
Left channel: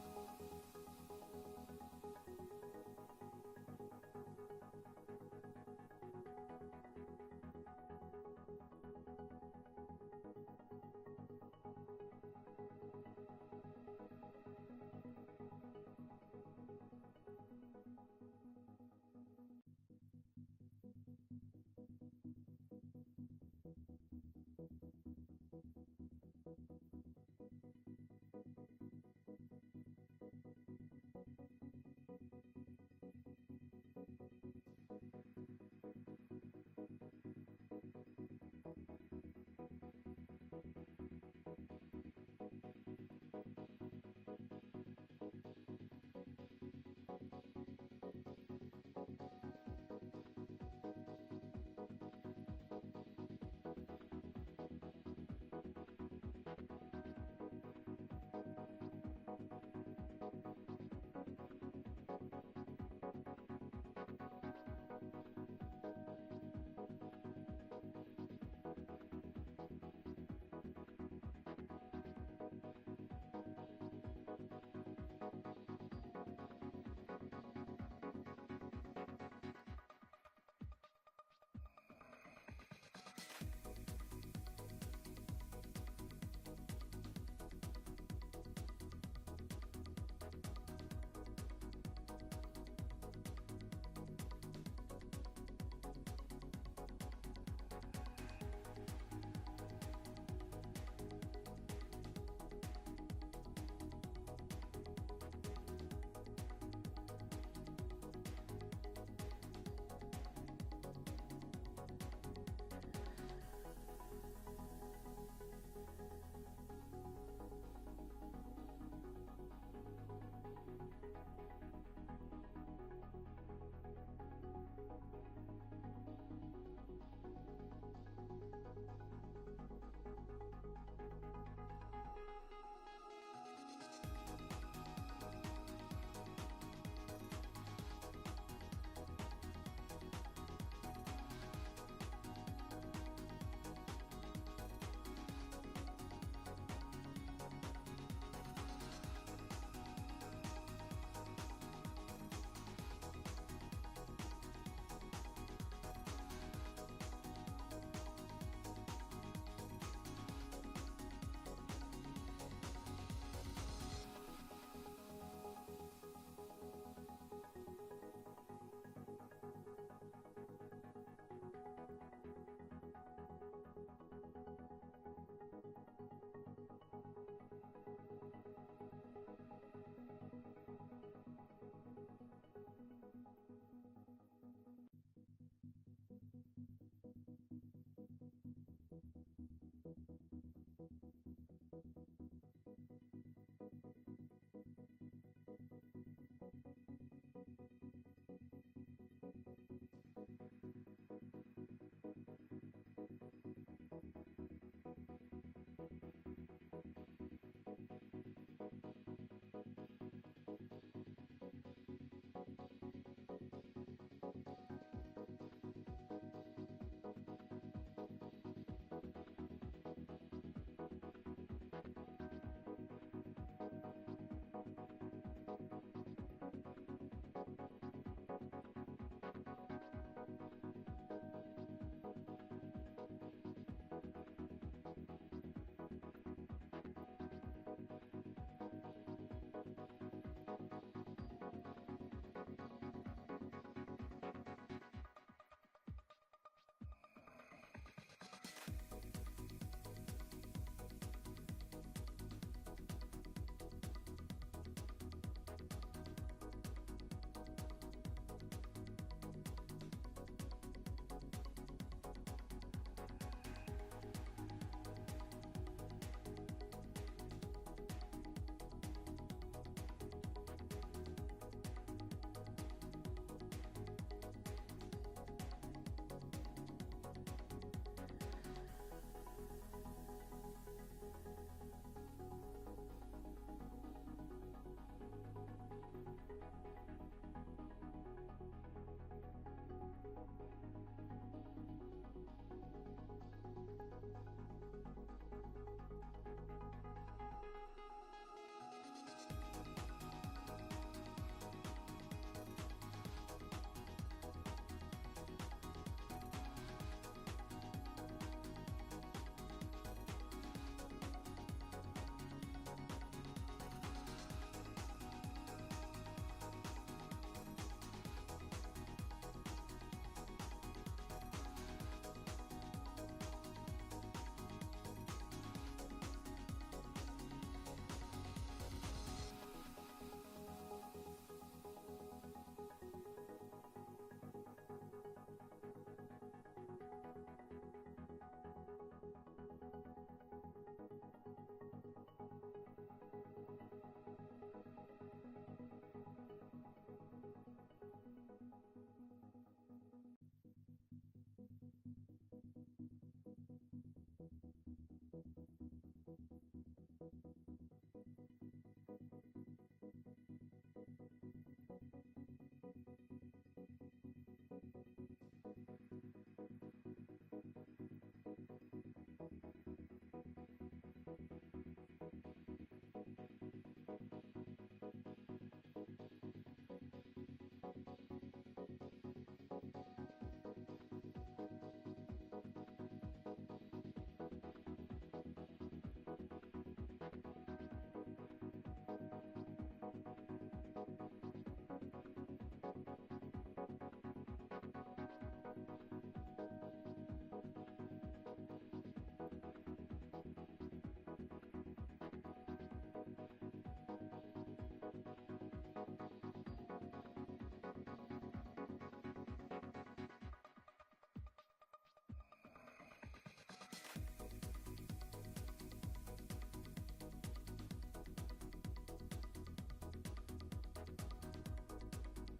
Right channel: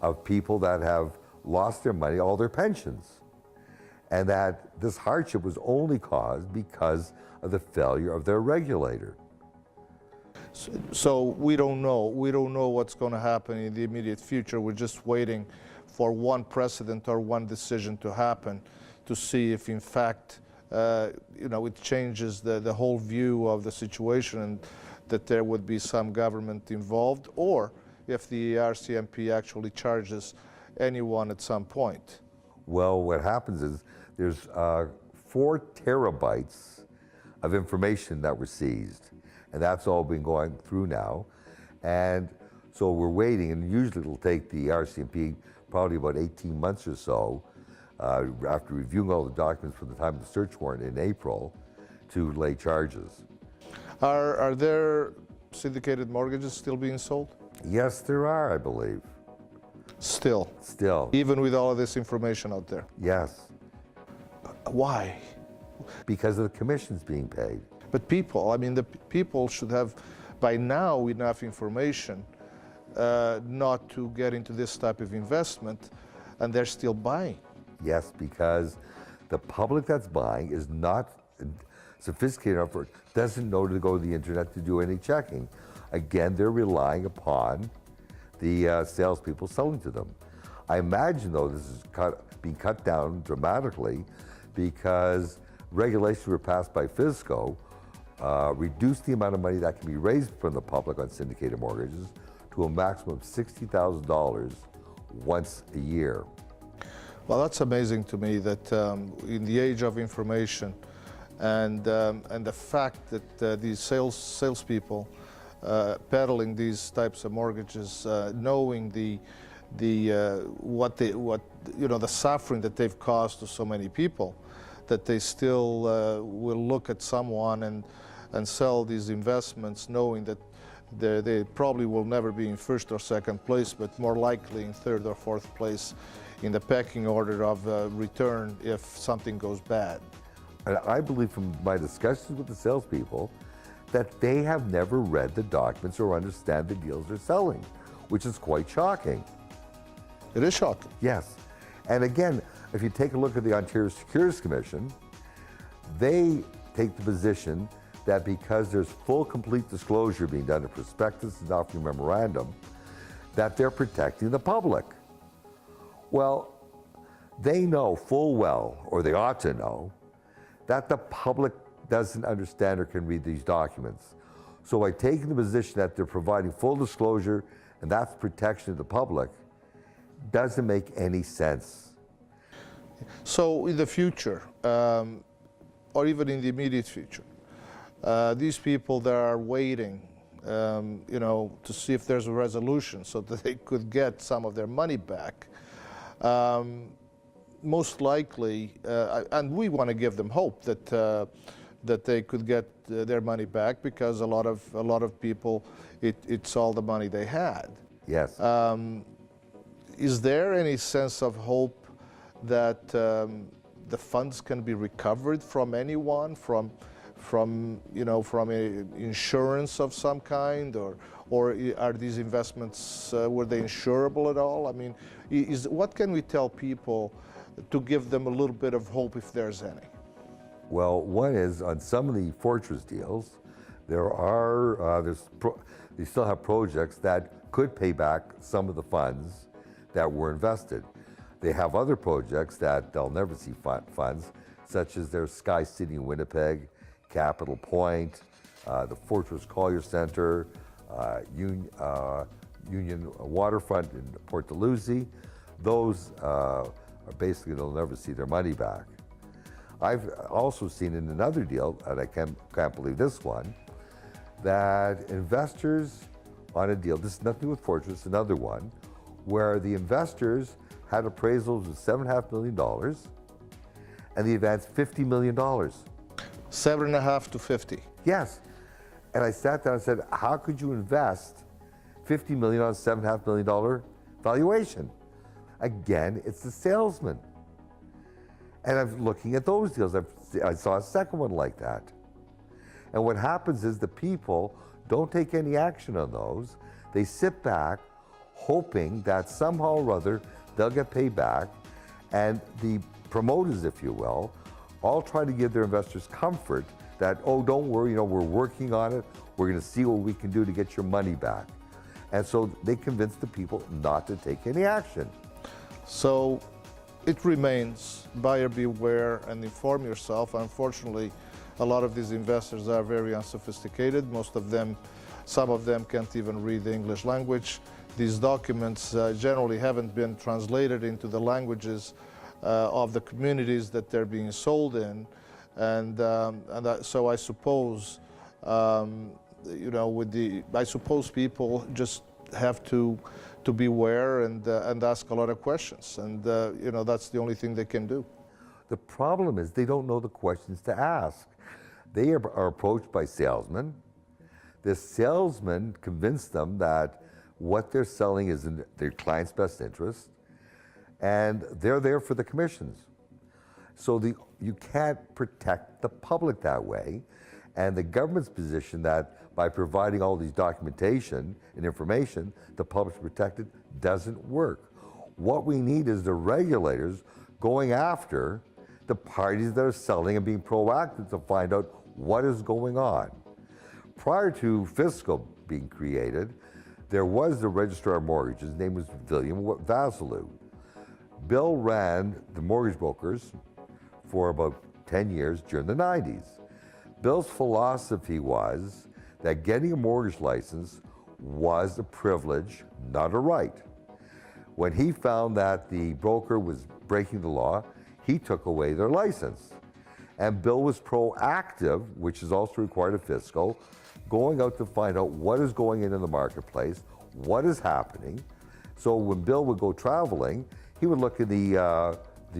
of people that have lost their money, all their pensions, and that this hardship was only caused because of the failure of their regulator. So we don't know. We don't know what's going to happen in the immediate future. We're just waiting for one precedent or one decision to happen to see if in fact it changes the whole view of the situation and that there would be some government involved, or if the RCMP actually charges anyone at some point. Well, what happens is there's 4 terabytes of information that were seized, and that's all been going through now. And so we're waiting, and usually it'll take the RCMP probably about 18 months or so after reviewing all the documents from the time of the search warrant in April to lay charges. Are there syndicated mortgages still being sold? Yes, there are, I believe. Still? Still. Even with all of this information out there? Yes. Why? Because of the commissions being paid. But people, I mean, the people should have by now enough information not to get into this type of investment, and they're still buying. Yes, because the public that's buying is not sophisticated enough or doesn't know to go to the internet to do any checking. Again, they're relying upon the salespeople selling to them. I imagine, though, this is being cut down dramatically because regulations were passed by FSCO reduced the amount of money that can be raised from the public on syndicated mortgages to a maximum of $60,000 once a year. Well, that's amazing to me that in the age of information and the fact that these salespeople peddling these types of mortgages, knowing the suffering that they've caused to so many people, that they still will look at someone and sell these investments, knowing that they probably will never be in first or second place, but more likely in third or fourth place in the pecking order of return if something goes bad. And I believe from my discussions with the salespeople that they have never read the documents or understand the deals they're selling, which is quite shocking. It is shocking. Yes. And again, if you take a look at the Ontario Securities Commission, they take the position that because there's full, complete disclosure being done in prospectus and offering memorandum, that they're protecting the public. Well, they know full well, or they ought to know, that the public doesn't understand or can read these documents. So by taking the position that they're providing full disclosure and that's protection of the public, doesn't make any sense. So in the future, or even in the immediate future, these people that are waiting, to see if there's a resolution so that they could get some of their money back, most likely, and we want to give them hope that they could get their money back, because a lot of people, it's all the money they had. Yes. Is there any sense of hope that the funds can be recovered from anyone, from insurance of some kind, or are these investments, were they insurable at all? I mean, what can we tell people to give them a little bit of hope, if there's any? Well, one is on some of the Fortress deals, they still have projects that could pay back some of the funds that were invested. They have other projects that they'll never see funds, such as their Sky City in Winnipeg, Capital Point, the Fortress Collier Center, Union Waterfront in Port Dalhousie. Those are basically, they'll never see their money back. I've also seen in another deal, and I can't believe this one, that investors on a deal, this is nothing with Fortress, another one, where the investors had appraisals of $7.5 million and the advance $50 million. 7.5 to 50. Yes. And I sat down and said, how could you invest $50 million on a $7.5 million valuation? Again, it's the salesman. And I'm looking at those deals. I saw a second one like that. And what happens is the people don't take any action on those. They sit back hoping that somehow or other they'll get paid back. And the promoters, if you will, all try to give their investors comfort that, oh, don't worry, we're working on it. We're going to see what we can do to get your money back. And so they convince the people not to take any action. So it remains buyer beware and inform yourself. Unfortunately, a lot of these investors are very unsophisticated. Most of them, some of them can't even read the English language. These documents generally haven't been translated into the languages of the communities that they're being sold in. So I suppose, you know, I suppose people just have to beware and ask a lot of questions. And, you know, that's the only thing they can do. The problem is they don't know the questions to ask. They are approached by salesmen. The salesman convinced them that what they're selling is in their client's best interest, and they're there for the commissions. So you can't protect the public that way, and the government's position that by providing all these documentation and information, the public's protected, doesn't work. What we need is the regulators going after the parties that are selling and being proactive to find out what is going on. Prior to Fiscal being created, there was the Registrar of Mortgages. His name was William Vasilou. Bill ran the mortgage brokers for about 10 years during the 90s. Bill's philosophy was that getting a mortgage license was a privilege, not a right. When he found that the broker was breaking the law, he took away their license. And Bill was proactive, which is also required of Fiscal, going out to find out what is going in the marketplace, what is happening. So when Bill would go traveling, he would look at the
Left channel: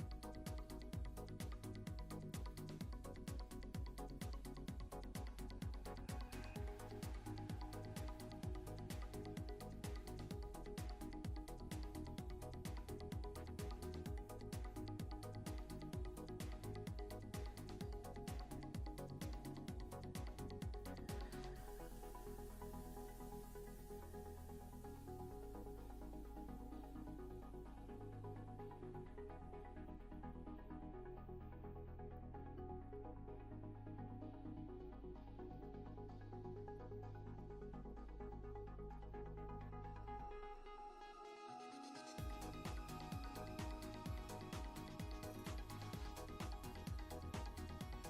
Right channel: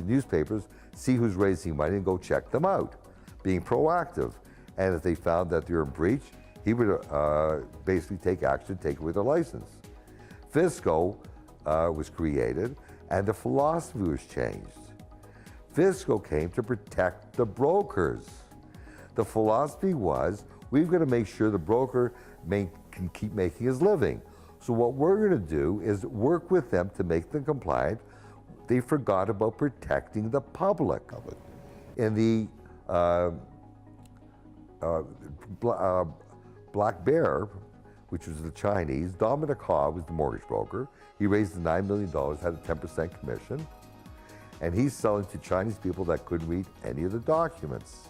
newspapers, see who's raising money, and go check them out, being proactive. And if they found that they were in breach, he would basically take action, take away their license. Fiscal was created, and the philosophy was changed. Fiscal came to protect the brokers. The philosophy was, we've got to make sure the broker can keep making his living. So what we're going to do is work with them to make them compliant. They forgot about protecting the public. In the Black Bear, which was the Chinese, Dominic Ha was the mortgage broker. He raised the $9 million, had a 10% commission, and he's selling to Chinese people that couldn't read any of the documents.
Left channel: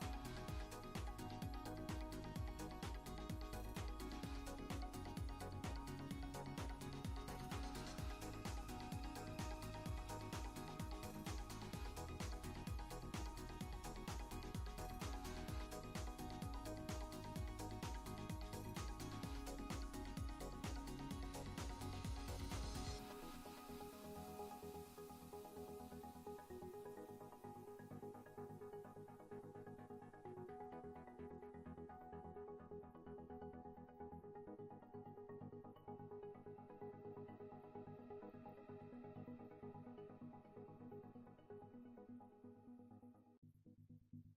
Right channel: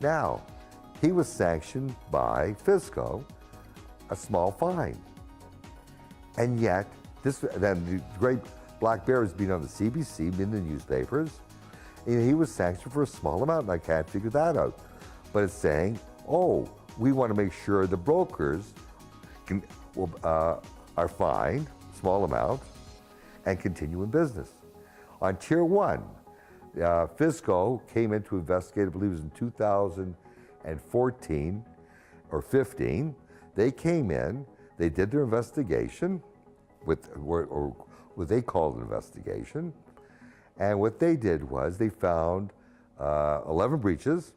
Now, he was sanctioned by Fisco, a small fine. And yet, then the great Black Bear has been on the CBC, been in the newspapers, and he was sanctioned for a small amount, and I can't figure that out. But it's saying, oh, we want to make sure the brokers are fined, small amount, and continue in business. On Tier 1, Fisco came in to investigate, I believe it was in 2014 or 15. They came in, they did their investigation, or what they called an investigation, and what they did was they found 11 breaches,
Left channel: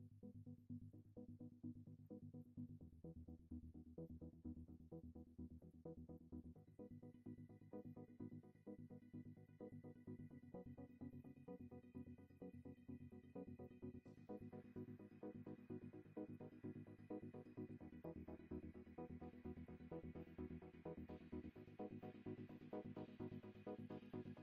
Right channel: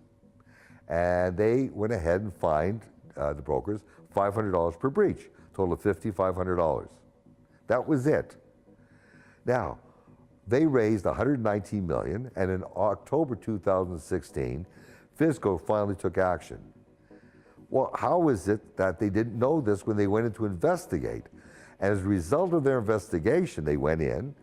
and they went ahead and fined the brokers $500 per breach, total of $5,500. That was it. Now, they raised $119 million, and in October 2016, Fisco finally took action. Well, how is it that they didn't know this when they went in to investigate? And as a result of their investigation, they went in.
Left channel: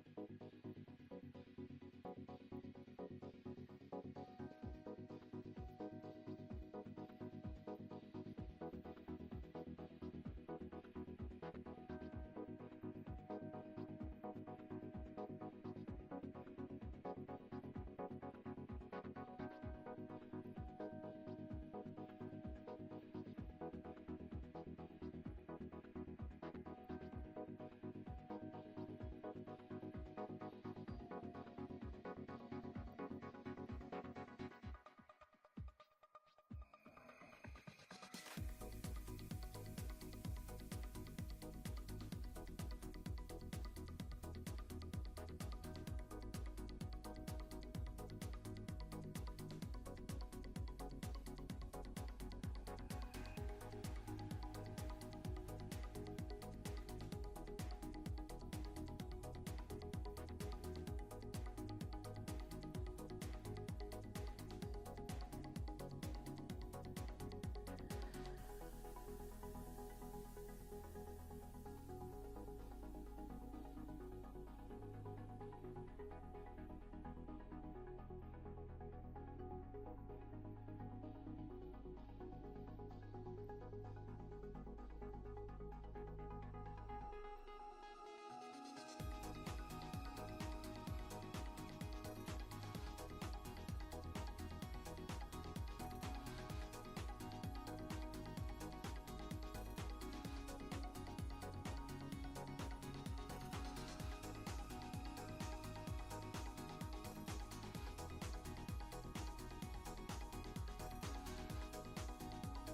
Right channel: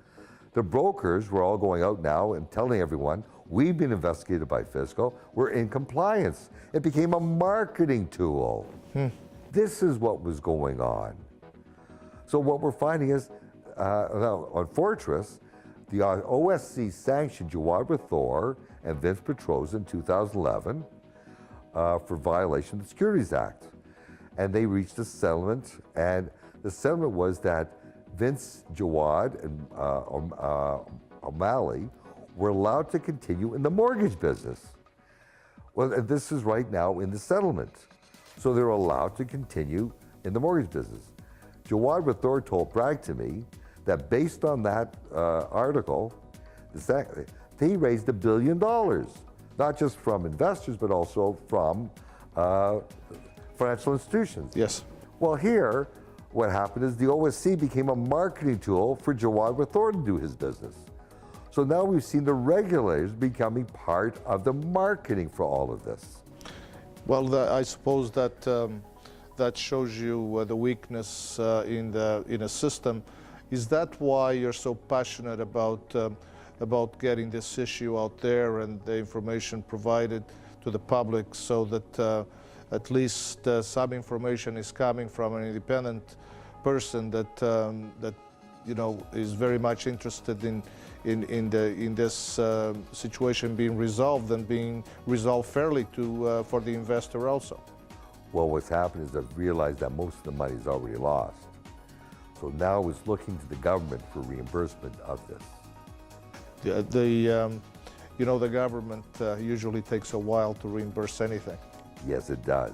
The brokers were all going out now and telling everyone, we've been investigated by Fisco, we're in compliance. It became a marketing tool. This is what was going on. So what we're finding is, now on Fortress, the OSC sanctioned Jawad Rathore and Vince Petroza in 2011 for violation of the Securities Act. And they reached a settlement, and the settlement was that Vince, Jawad, and O'Malley were allowed to continue in the mortgage business. Well, this is right now in the settlement. So they're allowed to continue in the mortgage business. Jawad Rathore told Bragg to me that based on that article, he raised $1 billion, not just from investors, but also from financial institutions. Yes. Well, here, what happened is the OSC became a marketing tool for Jawad Rathore to do his business. So now we've seen the regulators becoming part of the marketing for all of this. Well, I suppose that that shows you the weakness in a system. Is that why you're so passionate about getting this issue out there and the information provided to the public, so that at least some information is coming from an independent person that is very much interested in this situation being resolved and being resolved fairly for the investor also? Well, what's happened is I've realized that most of the money is already lost. So now it's looking to the government for reimbursement of this. The government usually takes a while to reimburse anything. Yes, it does.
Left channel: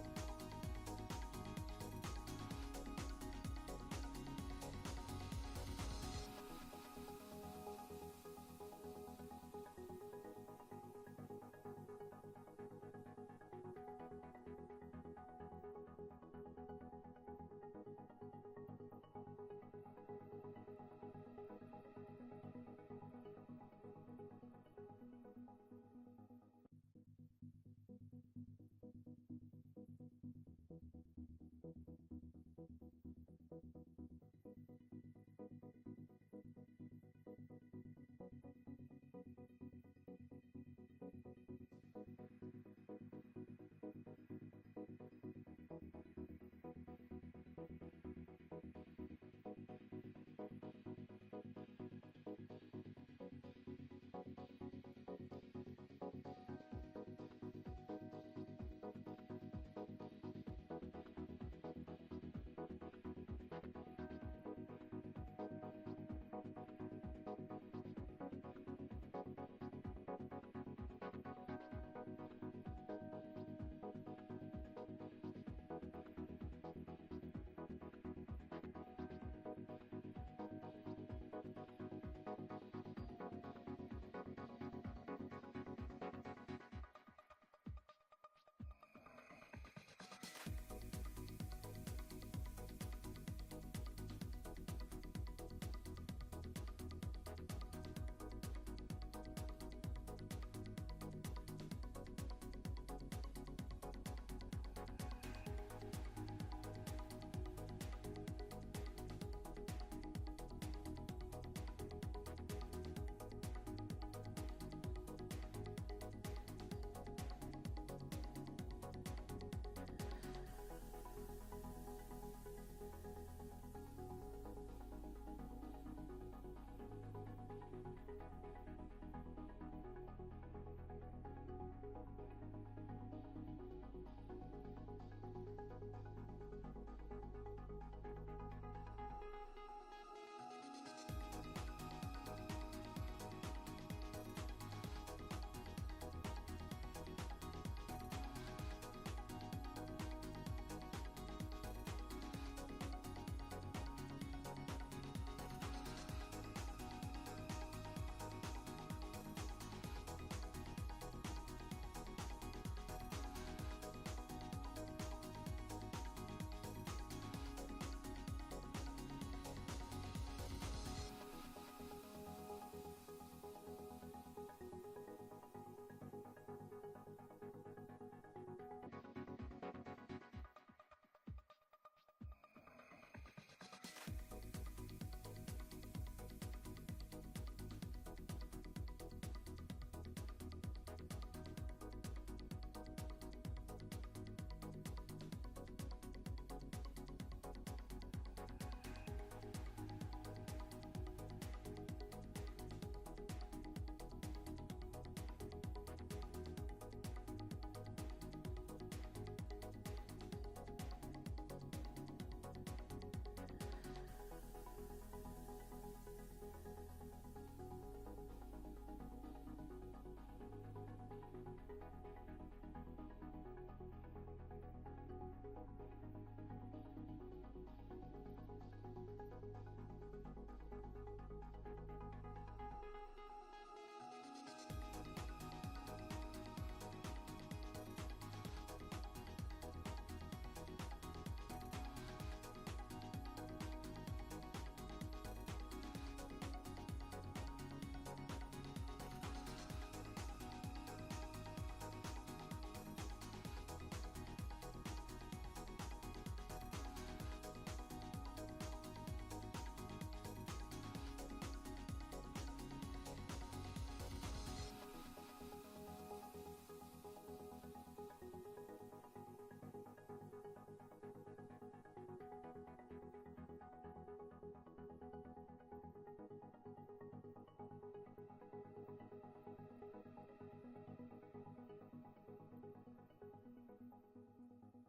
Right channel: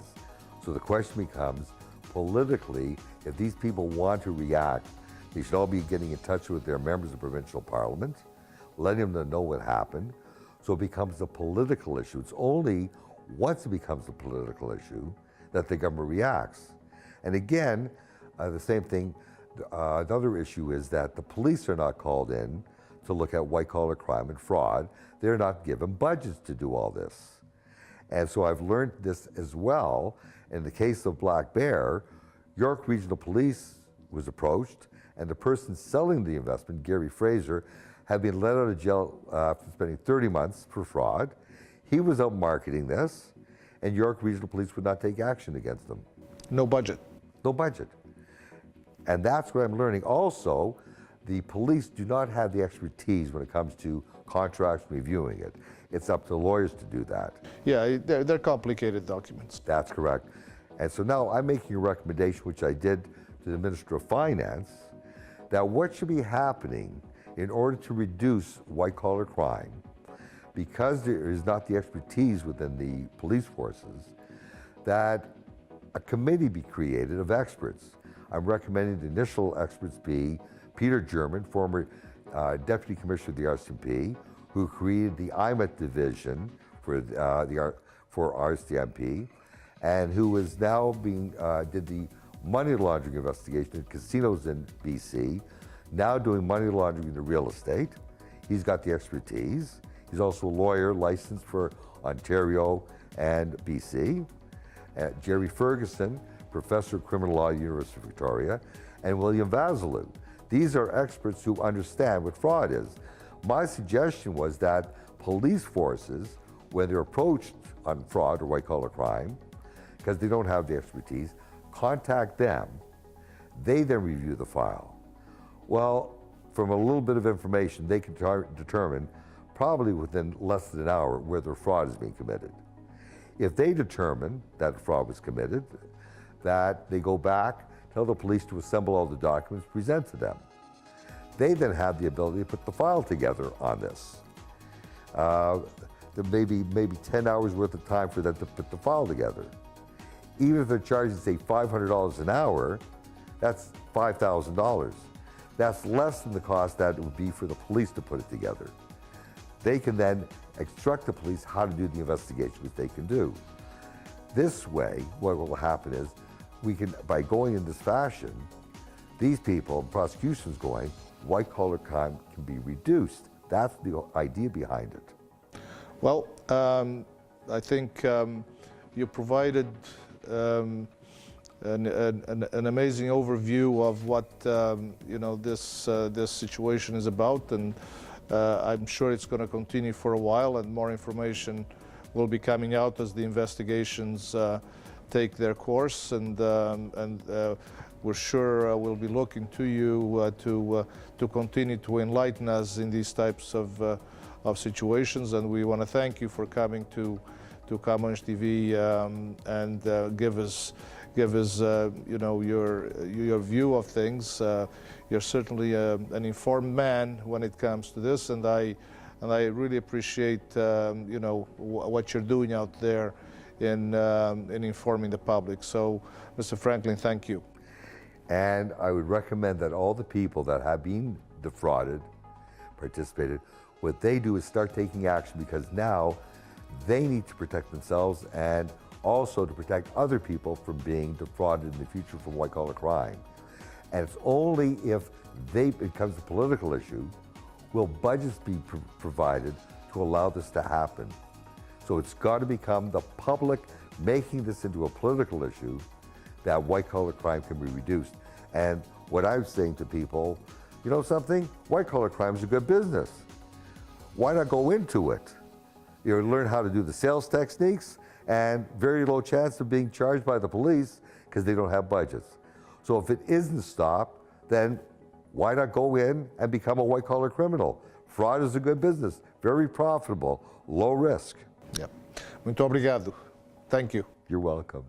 So the question becomes, politically, if these people want to react, they should all be getting in touch with their members of provincial parliament, letting them know what happened, so it becomes a political issue. It's only once it becomes a political issue that the government reacts. And again, the same thing, another issue is that the police are not called in to look at white-collar crime and fraud. They're not given budgets to do all this. And so I've learned this as well. In the case of Black Bear, York Regional Police was approached, and the person selling the investment, Gary Fraser, had been let out of jail after spending 30 months for fraud. He was out marketing this, and York Regional Police would not take action against them. No budget. No budget. And that's what I'm learning. Also, the police do not have the expertise when it comes to contracts and reviewing it. It's up to lawyers to do that. Yeah, they're complicated documents. That's correct. And so now I'm making a recommendation, which I did to the Minister of Finance, that what should be happening in order to reduce white-collar crime, because there is not the expertise within the police forces, that a committee be created of experts. I'm recommending the initial experts be Peter German, former Deputy Commissioner of the RCMP, who created the IMET division for RCMP, and who is now did the money laundering investigation in casinos in BC, now doing money laundering into real estate. He's got the expertise. He's also a lawyer licensed for Ontario and BC. Jerry Ferguson, Professor of Criminal Law at the University of Victoria, and William Vasilou. These are experts who understand what fraud is. My suggestion was that police forces, when they're approached on fraud or white-collar crime, because they don't have the expertise, contact them. They then review the file. Well, from a little bit of information, they can determine, probably within less than an hour, whether fraud is being committed. If they determine that fraud was committed, that they go back, tell the police to assemble all the documents, present to them. They then have the ability to put the file together on this. There may be maybe 10 hours worth of time for them to put the file together. Even if they're charging, say, $500 an hour, that's $5,000. That's less than the cost that it would be for the police to put it together. They can then instruct the police how to do the investigation, which they can do. This way, what will happen is, we can, by going in this fashion, these people, prosecutions going, white-collar crime can be reduced. That's the idea behind it. Well, I think you provided an amazing overview of what this situation is about, and I'm sure it's going to continue for a while, and more information will be coming out as the investigations take their course, and we're sure we'll be looking to you to continue to enlighten us in these types of situations. And we want to thank you for coming to Comanche TV and give us your view of things. You're certainly an informed man when it comes to this, and I really appreciate what you're doing out there in informing the public. So, Mr. Franklin, thank you. And I would recommend that all the people that have been defrauded, participated, what they do is start taking action, because now they need to protect themselves and also to protect other people from being defrauded in the future from white-collar crime. And it's only if it becomes a political issue will budgets be provided to allow this to happen. So it's got to become the public making this into a political issue that white-collar crime can be reduced. And what I'm saying to people, You know something? White-collar crime is a good business. Why not go into it? You learn how to do the sales techniques and very low chance of being charged by the police because they don't have budgets. So if it isn't stopped, then why not go in and become a white-collar criminal? Fraud is a good business, very profitable, low risk. Yeah. Muito obrigado. Thank you. You're welcome.